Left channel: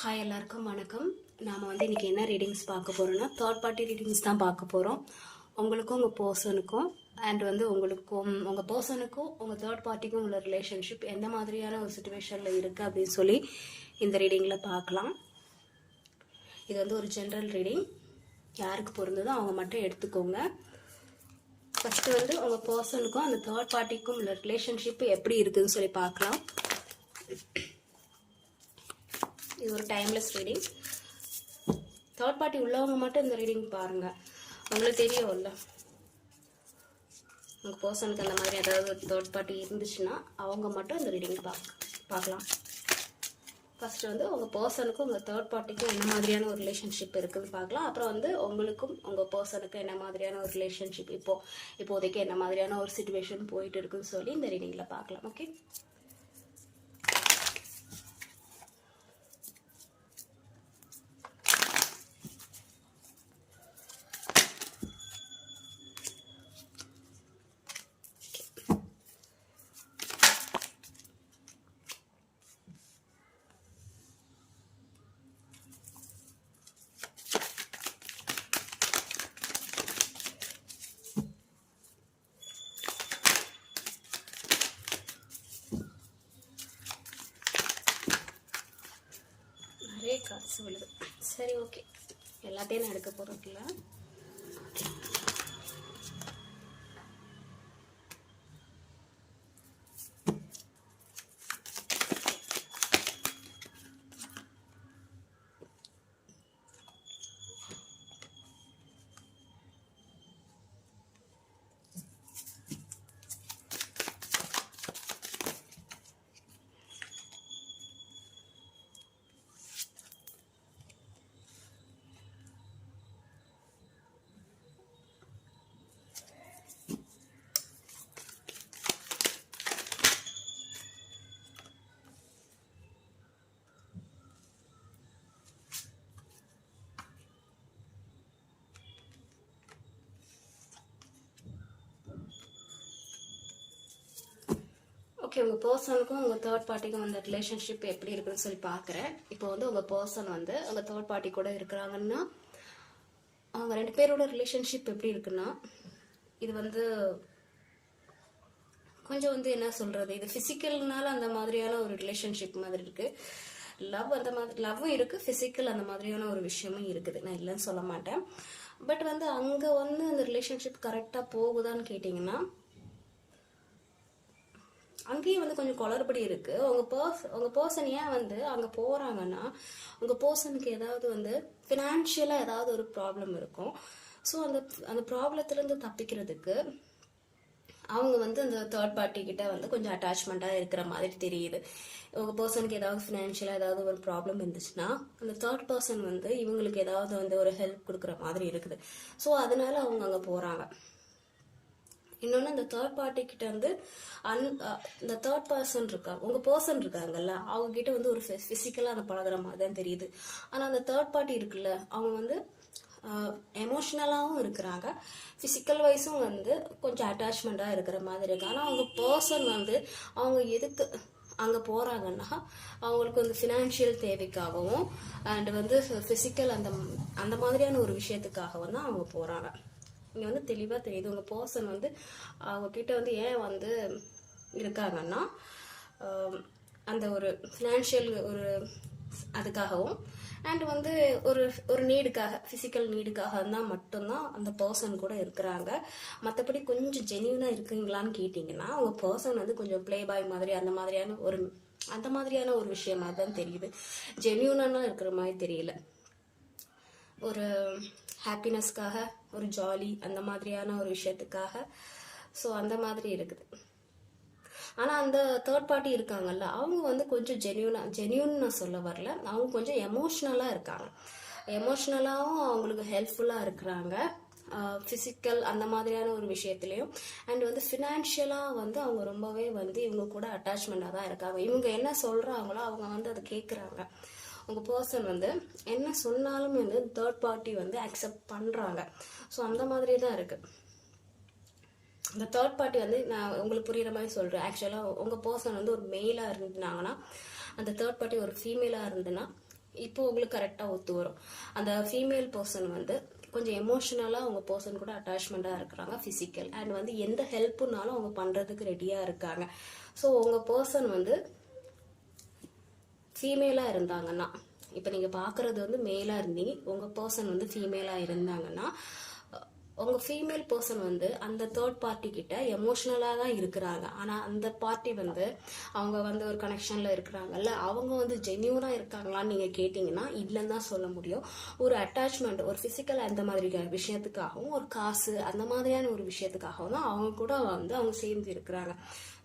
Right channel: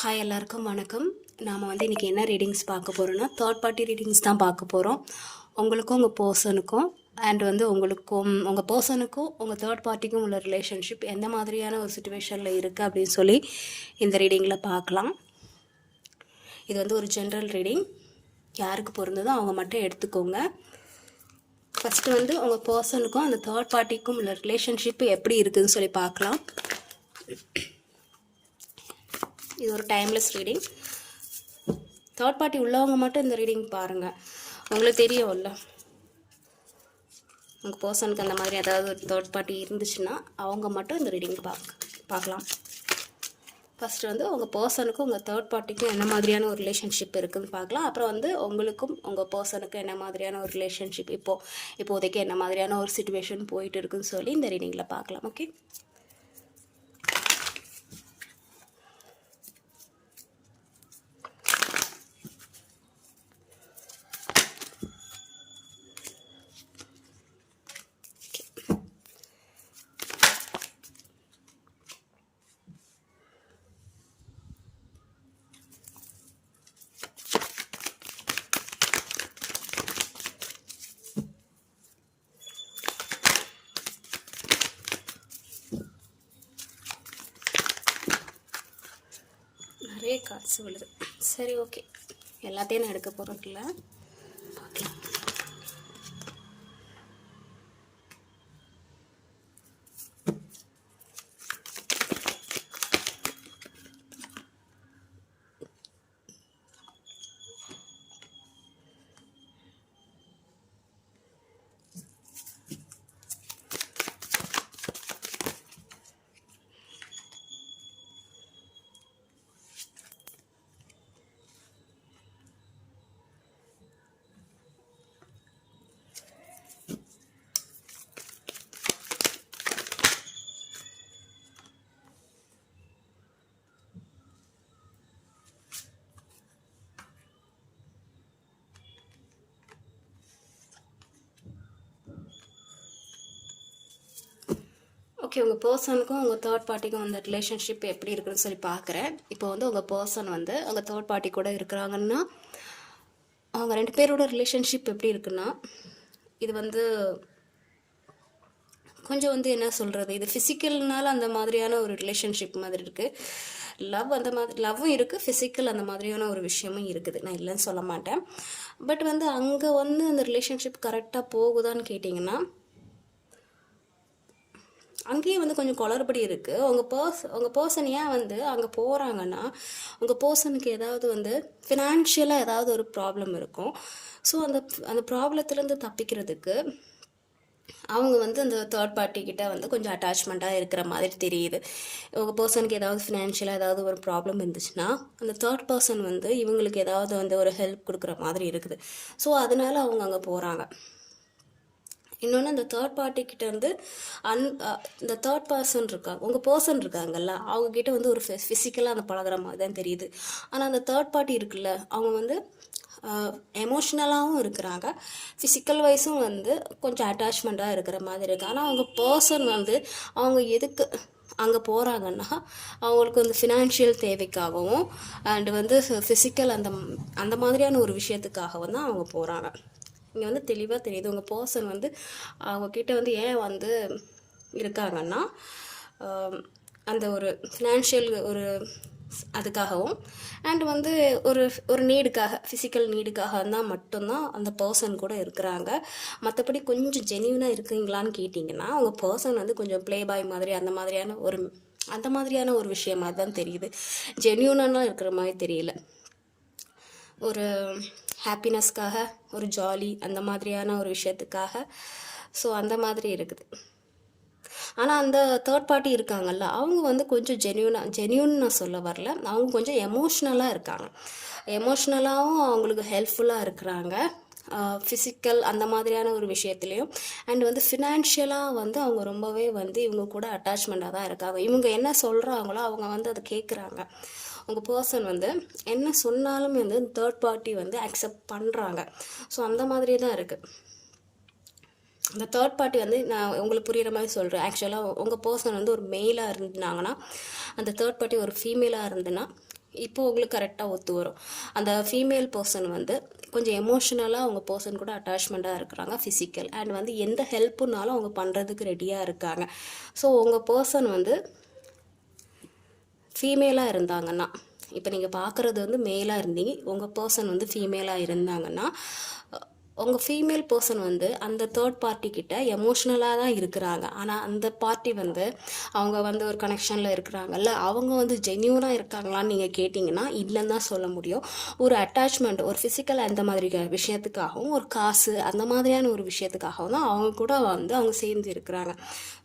Hi எல்லாருக்கும் வணக்கம். நாம் இன்றைக்கி என்ன ரீடிங்ஸ் பார்க்க போகிறோன்னா தேர்ட் பார்ட்டி ரீடிங்ஸ் தான் பார்க்க போகிறோம். உங்களுக்கும் உங்கள் பர்சனுக்கும் அண்ட் உங்களுக்கும் உங்கள் பர்சனுக்கும் உங்கள் தேர்ட் பார்ட்டிக்கும் உள்ள ரிலேஷன்ஷிப் எந்த மாதிரியான ஒரு சுச்சுவேஷனில் இருக்குது அப்படின்னு சொல்லி இந்த ரீடிங்கில் பார்க்கலாம். இது ஒரு ஜென்ரல் ரீடிங். யாருக்கு பொருந்ததோ அவங்க மட்டும் எடுத்துக்கோங்க. ஃபஸ்ட்டு உங்கள் பர்சனுக்கும் அந்த தேர்ட் பார்ட்டிக்கும் உள்ள ரிலேஷன்ஷிப் எப்படி இருக்குதுன்னு சொல்லி பார்க்கலாம். இது ஒரு டைம்லெஸ் ரீடிங். தேர்ட் பார்ட்டி உள்ளவங்க மட்டும் இந்த ரீடிங் பாருங்கள். உங்களுக்கு தெரியும்ல, உங்கள் பர்சனுக்கு அந்த மாதிரி ஏதாவது ஒரு தேர்ட் பார்ட்டி இருந்துச்சுன்னா அவங்க மட்டும் இந்த ரீடிங் பார்க்கலாம். ஃபஸ்ட்டு உங்கள் பர்சனுக்கும் உங்கள் தேர்ட் பார்ட்டிக்கும் என்ன மாதிரியான ஒரு ரிலேஷன்ஷிப் இருக்குதுன்னு பார்க்கலாம். அப்புறம் உங்களுக்கும் உங்கள் பர்சனுக்கும் என்ன மாதிரியான ஒரு ரிலேஷன்ஷிப் இப்போதைக்கு என்ன மாதிரியான ஒரு சிச்சுவேஷன் போயிட்டு இருக்குன்னு சொல்லி இந்த ரீடிங்கில் பார்க்கலாம். ஓகே, நிறைய கார்ட்ஸ் விழுது. சரி, ஓகே, எல்லாத்தையும் நான் எடுக்க போகிறதில்ல. ஓகே, ஓகே, உங்கள் பர்சனுக்கும் உங்கள் தேர்ட் பார்ட்டிக்கும் அந்த ரிலேஷன்ஷிப் எப்படி இருக்குன்னு சொல்லி பார்க்குறேன். இப்போ உங்கள் பர்சன் உங்கள் தேர்ட் பார்ட்டி கூட இருக்கிறாங்கன்னா அவங்க ரெண்டு பேரோட ரிலேஷன்ஷிப் எப்படி இருக்குன்னா, இது கொஞ்சம் என்ன சொல்கிறது, இது ஃபிசிக்கல்னால அந்த மாதிரியான ஒரு ரிலேஷன்ஷிப் மாதிரி இருக்குது. லவ் அந்த மாதிரி லவ்வும் இருக்குது, ஃபிசிக்கல் அந்த மாதிரியான ஒரு விஷயமும் இருக்குது. நான் இல்லைன்னு சொல்ல மாட்டேன். பட் அங்கே அந்த ரிலேஷன்ஷிப் கரெக்டாக போகுதான்னு கேட்டிங்கன்னா அங்கேயும் கொஞ்சம் குளறுபடி இருக்குது. உங்கள் பர்சன் ஏன் அங்கே போகிறாங்கன்னா உங்கள் பர்சனுக்கு ஏதாவது ஃபினான்ஷியலாக ஏதாவது ஒரு ப்ராப்ளம் இருக்கும். ஸோ அந்த ப்ராப்ளத்துலேருந்து தப்பிக்கிறதுக்கு அவங்க அந்த தேர்ட் பார்ட்டிக்கிட்ட கொஞ்சம் அட்டாச்மெண்ட்டாக இருக்கிற மாதிரி தெரியுது. உங்கள் பர்சனுக்கு ஏதாவது ஃபினான்ஷியலாக ஏதாவது ஒரு ப்ராப்ளம் இருந்துச்சுன்னா அந்த தேர்ட் பர்சன் இவங்களுக்கு ஏதாவது ஒரு ஹெல்ப் கொடுக்குற மாதிரி இருக்குது. ஸோ அதனால அவங்க அங்கே போகிறாங்க. இன்னொன்று, இந்த தேர்ட் பார்ட்டிக்கிட்ட இந்த தேர்ட் பர்சன் உங்கள் பர்சன் இருக்காங்கல்ல, அவங்கக்கிட்ட ஒரு ஃபிசிக்கலாக அந்த பழகிற மாதிரி தான் தெரியுது. ஆனால் அந்த தேர்ட் பார்ட்டி இருக்குல்ல, அவங்க எமோஷ்னலாகவும் இருக்கிறாங்க, ஃபிசிக்கல் வைஸும் கொஞ்சம் அட்டாச்மெண்ட்டாக இருக்கிற மாதிரி இருக்குது. ஆனால் அவங்க பர்சன் அவங்க எதுக்கு அங்கே போகிறாங்கன்னா அவங்களுக்கு ஃபினான்ஷியல் தேவைக்காகவும் அண்டு ஃபிசிக்கல் அந்த மாதிரியான ஒரு விஷயத்துக்காகவும் தான் அவங்க போகிறாங்க. இங்கே தெளிவாக தெரியுது உங்கள் பர்சன் அவங்கக்கிட்ட ஏன் இருக்காங்கன்னா அந்த ஒரு ஃபினான்ஷியல் ஒரு அதுக்காகவும் அண்ட் ஒரு நீடுக்காக, ஃபிசிக்கல் நீடுக்காக தான் மட்டும்தான் அந்த பர்சன் கூட இருக்கிறாங்க. மற்றபடி கொஞ்சம் ஜென்யூனாக இருக்குங்களான்னு கேட்டிங்கன்னா உங்கள் பர்சன் கொஞ்சம் ப்ளே பாய் மாதிரி அந்த மாதிரியான ஒரு விஷயமாக தான் தெரியுது. ஜென்யூனாக இருக்கிற மாதிரி தெரியல. ஒரு ஹாப்பினஸ்க்காக, ஒரு ஜாலி அந்த மாதிரியான ஒரு விஷயத்துக்காக, ஸோ அந்த மாதிரி இருக்குது. ஆனால் அந்த தேர்ட் பார்ட்டி இருக்காங்கல்ல, அவங்க கொஞ்சம் ஜென்யூன் நான் சொல்ல வரல, அவங்க கொஞ்சம் எமோஷ்னலாக இருக்காங்க. எமோஷ்னலாகவும் அவங்களுக்கு ஹெல்ப்ஃபுல்லாக இருக்கிறாங்க, ஃபிசிக்கல் அந்த மாதிரியான ஒரு விஷயத்துலையும். அண்ட் ஃபினான்ஷியலாக அவங்க ரொம்பவே இவங்க கூட அட்டாச்மெண்ட்டாக தான் இருக்காங்க. இவங்க என்ன சொல்கிறாங்களோ அவங்க அதை கேட்குறாங்க. உங்கள் பர்சன் என்ன சொன்னாலுமே தேர்ட் பார்ட்டி அக்செப்ட் பண்ணுறாங்க. ஸோ அந்த மாதிரி தான் இருக்குது. இந்த தேர்ட் பார்ட்டி நான் உங்களுக்கு புரிகிற மாதிரி சொல்கிறேன். ஆக்சுவலாக உங்கள் பர்சன் ஒரு மெயிலாக இருந்தாங்கன்னா, அந்த தேர்ட் பார்ட்டி ஒரு ஃபீமேலாக இருந்துன்னா இப்போ உங்களுக்கு கரெக்டாக ஒத்து வரும். அந்த ஃபீமேல் பர்சன் வந்து கொஞ்சம் எமோஷ்னலாக அவங்க பர்சன் கூட அட்டாச்மெண்ட்டாக இருக்கிறாங்க, ஃபிசிக்கல் அண்ட் வந்து எந்த ஹெல்ப்புனாலும் அவங்க பண்ணுறதுக்கு ரெடியாக இருக்காங்க. ஸோ உங்கள் பர்சன் வந்து ஃபீமேலாக இருந்தாங்கன்னா, இப்போ நீங்கள் பார்க்குறது வந்து மேலாக இருந்தீங்க, உங்கள் பர்சன் வந்து ஃபீமேலாக இருந்தாங்கன்னா, உங்கள் ஃபீமேல் பர்சன் வந்து அந்த தேர்ட் பார்ட்டிக்கிட்ட எமோஷ்னலாக தான் இருக்கிறாங்க. ஆனால் அந்த பார்ட்டி வந்து அவங்க வந்து ஒரு கனெக்ஷனில் இருக்கிறாங்கல்ல, அவங்க வந்து ஜென்யூனாக இருக்காங்களான்னு நீங்கள் கேட்டிங்கன்னா இல்லைன்னு தான் சொல்ல முடியும். ஒரு அட்டாச்மெண்ட், ஒரு ஃபிசிக்கல் அந்த மாதிரி விஷயத்துக்காகவும், ஒரு காசு அந்த மாதிரியான ஒரு விஷயத்துக்காகவும் தான் அவங்க கூட வந்து அவங்க சேர்ந்து இருக்கிறாங்க.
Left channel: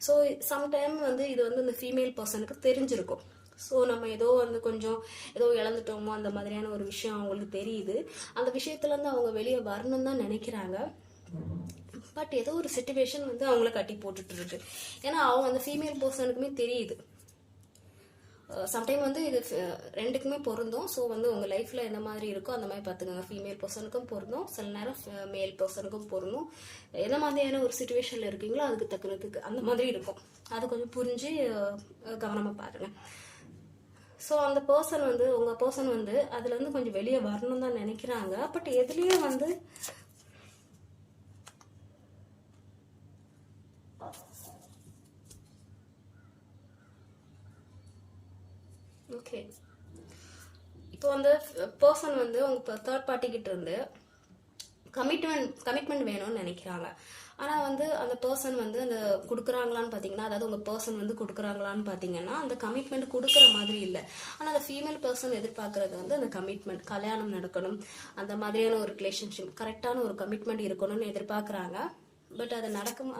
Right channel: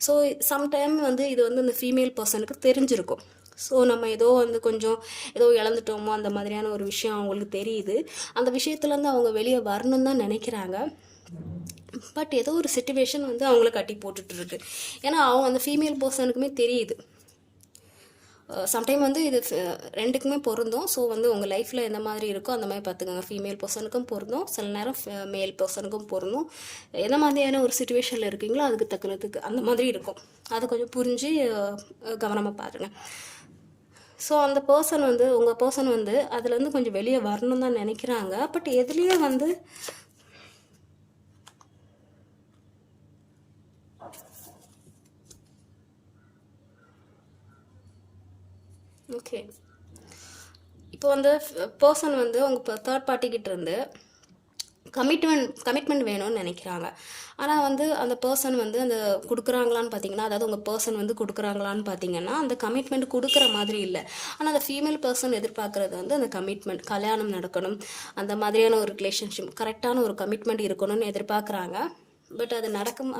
ஸோ சம்டைம் வந்து இது வந்து அந்த ஃபீமேல் பர்சனுக்கு தெரிஞ்சிருக்கும். ஸோ நம்ம ஏதோ வந்து கொஞ்சம் ஏதோ இழந்துட்டோமோ அந்த மாதிரியான ஒரு விஷயம் அவங்களுக்கு தெரியுது. அந்த விஷயத்துலேருந்து அவங்க வெளியே வரணும்னு தான் நினைக்கிறாங்க. பட் ஏதோ ஒரு சிச்சுவேஷன் வந்து அவங்கள கட்டி போட்டுட்ருக்கு. ஏன்னா அவங்க அந்த ஃபீமேல் பர்சனுக்குமே தெரியுது. சம்டைம் வந்து இது ரெண்டுக்குமே பொருந்தும். ஸோ வந்து உங்கள் லைஃப்பில் எந்த மாதிரி இருக்கோ அந்த மாதிரி பார்த்துக்கோங்க. ஃபீமேல் பர்சனுக்கும் பொருந்தும், சில நேரம் மேல் பர்சனுக்கும் பொருந்தும். எந்த மாதிரியான ஒரு சுச்சுவேஷனில் இருக்கீங்களோ அதுக்கு தக்கனதுக்கு அந்த மாதிரி இருக்கும். அதை கொஞ்சம் புரிஞ்சு கவனமாக பாருங்கள். ஸோ அந்த பர்சன் வந்து உங்கள் பர்சன் வந்து அதுலேருந்து கொஞ்சம் வெளியே வரணும் தான் நினைக்கிறாங்க. பட் எதுலேயும் வந்து ஓகே, இப்போ வந்து பர்சன் வந்து உங்கள் தேர்ட் பார்ட்டிக்கிட்ட இருந்து கமிட்மெண்ட் வேணும்னு நினைக்கிறாங்க. ஆனால் வந்து அந்த பர்சன் வந்து அந்த கொடுக்குறாங்களான்னு பார்த்தீங்கன்னா, அதாவது உங்கள் பர்சன் வந்து கொடுக்குறாங்களான்னு பார்த்தீங்கன்னா அந்த கமிட்மெண்ட் கொடுக்குற மாதிரி இல்லை. ஆனால் அந்த ஃபீமேல் பர்சன் எதிர்பார்க்குறது வந்து அந்த கமிட்மெண்ட், கல்யாணம் நடக்கணும், அந்த மாதிரியான ஒரு ரிலேஷன்ஷிப், கரெக்டான ஒரு கமிட்மெண்ட் இருக்கணும்னு எதிர்பார்க்குறாங்க. பட் அது நடக்குமா,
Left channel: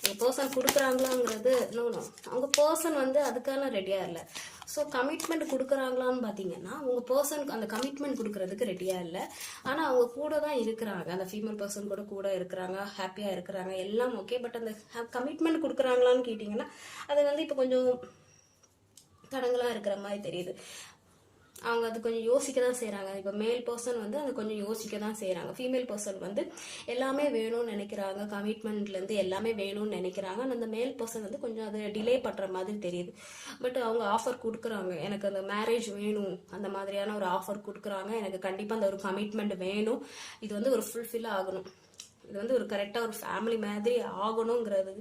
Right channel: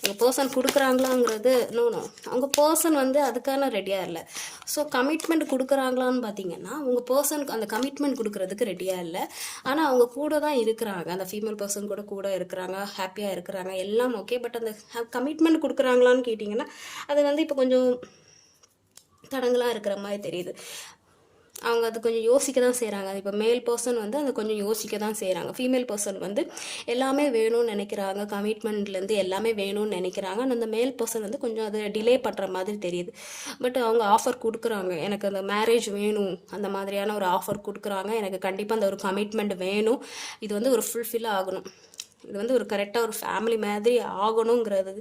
உங்கள் பர்சன் கொடுக்குறாங்களாங்கிறது நோ. அவங்க பர்சன் வந்து அதுக்கான ரெடியாக இல்லை. ஸோ கமிட்மெண்ட் கொடுக்குறாங்களான்னு பார்த்தீங்கன்னா உங்கள் பர்சனுக்கு அந்த கமிட்மெண்ட் கொடுக்குறதுக்கு ரெடியாக இல்லை. ஆனால் அவங்க கூட தான் இருக்கிறாங்க, அந்த ஃபீமேல் பர்சன் கூட இருக்கிறாங்க, ஹாப்பியாக இருக்கிறாங்க, எல்லாம் ஓகே. பட் அந்த கமிட்மெண்ட் கொடுக்குறாங்களான்னு கேட்டிங்கன்னா அது வந்து இப்போ கொஞ்சம் தடங்களாக இருக்கிற மாதிரி தெரியுது. அவங்க அது கொஞ்சம் யோசிக்க தான் செய்கிறாங்க. இப்போ மேல் பர்சன் வந்து அதை கொஞ்சம் யோசிக்க தான் செய்கிறாங்க. ஃபீமேல் பர்சன் வந்து எல்லாமே வேணும்னு நினைக்கிறாங்க, கமிட்மெண்ட்லேருந்து எல்லாமே வேணும்னு நினைக்கிறாங்க. அந்த மேல் பர்சன் வந்து கொஞ்சம் அதை டிலே பண்ணுற மாதிரி தெரியுது. பட் அவங்க ஆஃபர் கொடுக்குறாங்க, எனக்கு அந்த மேரேஜ் வேணும், அந்த மாதிரியான ஒரு ஆஃபர் கொடுக்குறாங்க, எனக்கு கண்டிப்பாக அந்த ஒரு கமிட்மெண்ட் வேணும், இது வந்து ஒரு ஃபுல்ஃபில் ஆகணும், இது வந்து ஒரு கரெக்டாக ஒரு ஃபேமிலி மாதிரி ஆகணுங்கிறது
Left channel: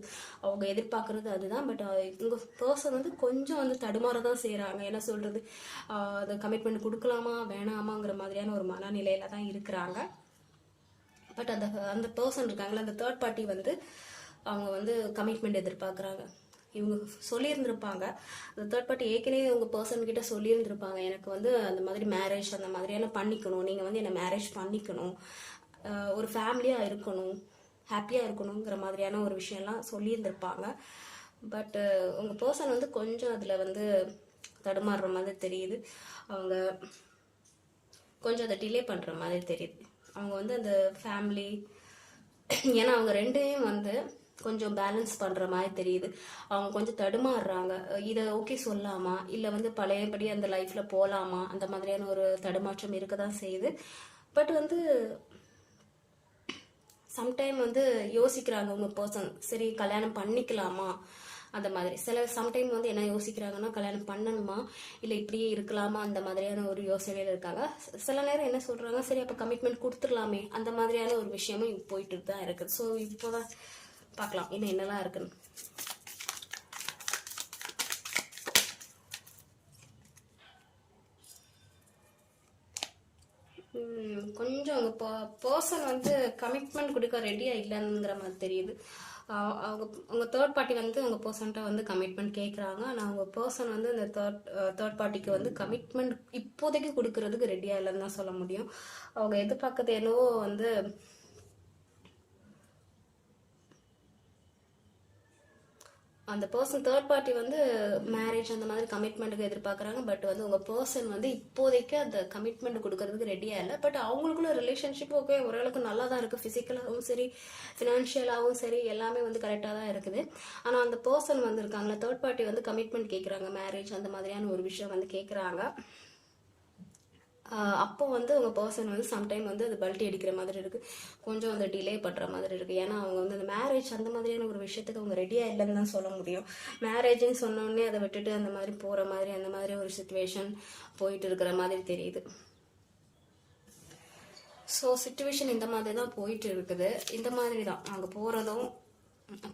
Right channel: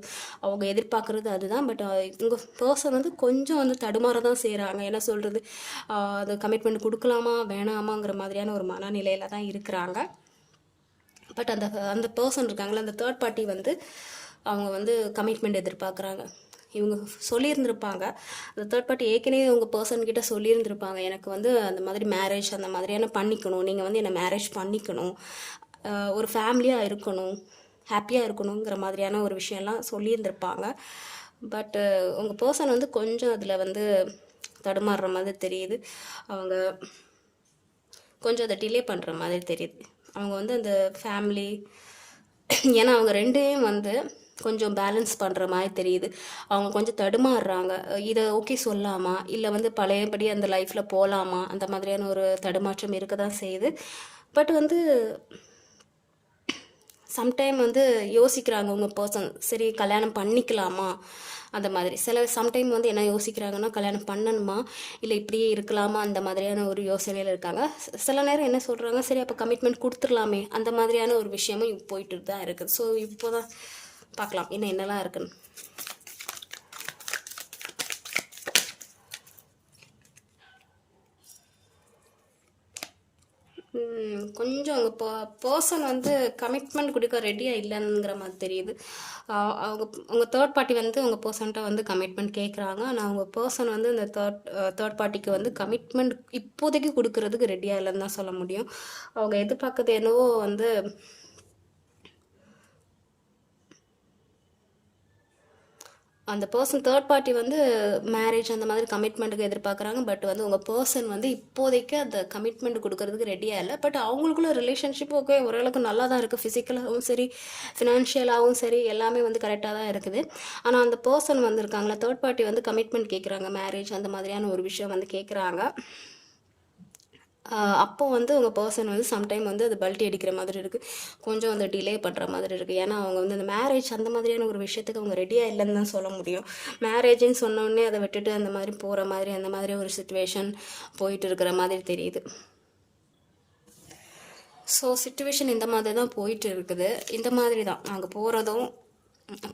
அவங்க எதிர்பார்க்குறது அதுதான். பட் உங்கள் பர்சன் வந்து கொஞ்சம் வந்து தடுமாற தான் செய்கிறாங்க. என்ன சொல்கிறது, அது கமிட்மெண்ட் கொடுக்கலாமா வேணாமாங்கிற மாதிரியான ஒரு மனநிலையில் தான் இருக்கிறாங்க. பட் அந்த பர்சன் இருக்காங்களே, அந்த தேர்ட் பார்ட்டி வந்து அவங்க வந்து கமிட்மெண்ட் எதிர்பார்க்குறாங்க. இவங்க சொல்லியிருந்திருப்பாங்க, அந்த தேர்ட் பார்ட்டி ஏற்கனவே உங்கள் பர்சன்கிட்ட சொல்லியிருந்திருப்பாங்க, எனக்கு வந்து அந்த மாதிரி மேரேஜ் அந்த மாதிரியான பண்ணிக்கணும், நீங்கள் வந்து என்னை மேரேஜ் பண்ணிக்கணும், ஒரு ஃபேமிலியாக இருக்கணும், ஹாப்பியாக இருக்கணுங்கிற மாதிரியான ஒரு விஷயம்லாம் சொல்லியிருந்திருப்பாங்க. பட் உங்கள் பர்சன் வந்து கொஞ்சம் அதில் வந்து தடுமாறுற மாதிரி தெரியுது. அவங்க கொஞ்சம் அதை டிலே பண்ணுற மாதிரி தெரியுது. அவங்க வந்து அந்த ஃபேமிலி, ஏன்னா அவங்க ரெண்டையும் வந்து கொஞ்சம் பேலன்ஸ் பண்ணுற மாதிரி தெரியுது. அவங்க கொஞ்சம் தடுமாறுறாங்க, இதை ஓகே சொல்லாமா இல்லை வந்து பழையபடி அந்த லைஃப்பில் போகலாமா, அந்த மாதிரியான ஒரு தடுமாற்றம் இருக்க தான் செய்யுது. பட் வந்து சம்டைம் வந்து யோசிக்கிறாங்க உங்கள் பர்சன், சரி கல்யாணம் பண்ணிக்கலாமா அந்த மாதிரி. சம்டைம் வந்து என்ன யோசிக்கிறாங்கன்னா, கல்யாணம் பண்ணணுமா இல்லை இப்படியே இருக்கலாமா அந்த மாதிரியான ஒரு யோசனையில் இருக்காங்க. சில நேரம் என்ன சொல்கிறாங்க, சரி அப்போ கமிட்மெண்ட் கொடுத்துடலாமே அந்த மாதிரியான ஒரு விஷயமும் போயிட்டு தான் இருக்குது. ஸோ இப்போ தான் பார்க்கலாம் இன்னும் என்னெல்லாம் இருக்குன்னு. கொஞ்சம் அவங்க பர்சன் வந்து கமிட்மெண்ட் கொடுக்க ரெடியாக இல்லைங்கிற மாதிரி தெரியுது. அவங்க உங்கள் தேர்ட் பார்ட்டி வந்து உங்கள் பர்சன்ட்ட வந்து கமிட்மெண்ட் கேட்குறாங்க. ஆனால் அவங்க பர்சன் வந்து இந்த தேர்ட் பார்ட்டிக்கு வந்து கமிட்மெண்ட் இப்போதைக்கு கொடுக்கறதுக்கு ரெடியாக இல்லைன்னு தான் சொல்ல முடியும். அவங்க எதிர்பார்க்கறது என்னவோ வந்து அந்த பர்சன் தேர்ட் பார்ட்டி வந்து மேரேஜ் அந்த மாதிரி கமிட்மெண்ட்டுக்கு எதிர்பார்க்குறாங்க. பட் வந்து உங்கள் பர்சன் வந்து இப்போதைக்கு அந்த கமிட்மெண்ட் கொடுக்கறதுக்கு ரெடியாக இல்லை. பட் அவங்களுக்குள்ள ரிலேஷன்ஷிப் ஓகே ஓரளவுக்கு நல்லா தான் இருக்குது, ஃபிசிக்கலாகவும் சரி ஃபினான்ஷியலாகவும் சரி எல்லாமே வந்து கரெக்டாக தான் இருக்குது. ஆனால் அந்த பர்சன் வந்து இருக்காங்களா தேர்ட் பார்ட்டி வந்து கமிட்மெண்ட் கேட்குறாங்க, மேரேஜ் அந்த மாதிரியான ஒரு விஷயம் வந்து கேட்குறாங்க. அப்போ வந்து உங்கள் பர்சன் வந்து சம்டைம் வந்து அது பல்ட்டி அடிக்கிற மாதிரி இருக்குது, கொஞ்சம் வந்து டிலே பண்ணுற மாதிரி இருக்குது. ஏன்னா அவங்க வந்து அந்த மேரேஜ் அந்த மாதிரியான ஒரு விஷயத்துக்கு அவங்க ரெடியாக இல்லைன்னு தான் சொல்ல முடியும். மேரேஜ்னு சொன்னோடனே அதை விட்டுட்டு அந்த மாதிரி போகிற மாதிரி அந்த மாதிரி ஒரு சுச்சுவேஷன் போயிட்டு இருக்கிற மாதிரி தெரியுது. ஸோ சுச்சுவேஷன் இந்த மாதிரி தான் போயிட்டு இருக்குது. இந்த மாதிரி தான் அங்கே போகிறதும்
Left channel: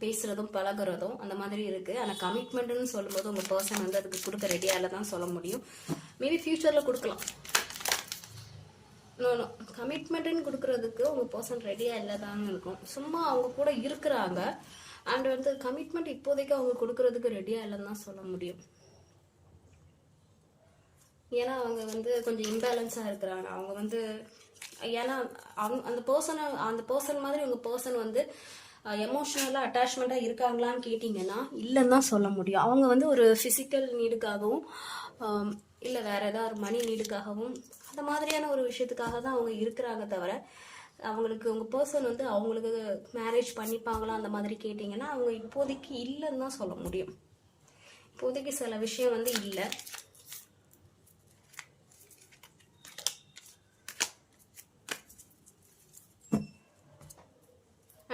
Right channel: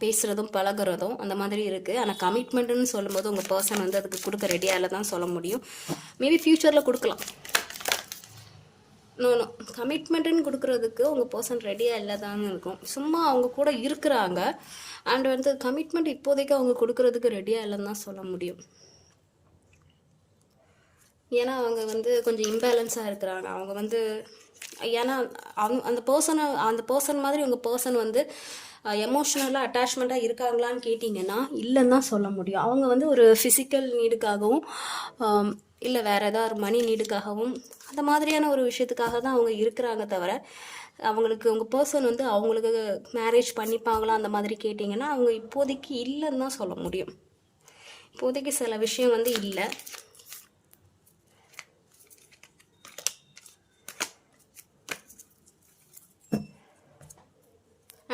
பேசுகிறதும் பழகுறதும் அந்த மாதிரி இருக்குது. ஆனால் கமிட்மெண்ட்டுன்னு சொல்லும்போது உங்கள் பர்சன் வந்து அதுக்கு கொடுக்க ரெடியாக இல்லை தான் சொல்ல முடியும். மேபி ஃப்யூச்சரில் கொடுக்கலாம். நோ கமிட்மெண்ட்டுன்னு கொடுக்குறதுக்கு உங்கள் பர்சன் ரெடியாக இல்லை தாங்க இருக்கும். சும்மா அவங்க கூட இருக்கிறாங்க. அண்ட் வந்து கமிட்மெண்ட் இப்போதைக்கு அவங்க கொடுக்குறதுக்கு ரெடியாக இல்லைன்னு தான் சொல்ல முடியும். ஏன்னா அவங்க வந்து கொஞ்சம் இம்பேலன்ஸாக இருக்கிறாங்க. அவங்க வந்து ஏன்னா அந்த பர்சன் மாதிரி உங்கள் பர்சன் வந்து எமோஷ்னலாக அட்டாச்மெண்ட்டாக இருக்காங்களான்னு கேட்டிங்கன்னா இல்லைன்னு தான் சொல்ல முடியும். அவங்க வந்து ஒரு ஃபிசிக்கல் நீடுக்காகவும் இல்லை வேறு ஏதாவது மணி நீடுக்காகவும் அந்த மாதிரியான ஒரு விஷயத்துக்காக தான் அவங்க இருக்கிறாங்க தவிர, அவங்களுக்கு உங்கள் பர்சன் வந்து அவங்களுக்கு மேரேஜ் பண்ணிப்பாங்களா அந்த மாதிரி கேட்டிங்கன்னா அவங்க இப்போதைக்கு இல்லைன்னு தான் சொல்ல முடியும். இப்போதைக்கு சில விஷயம் வந்து இல்லை.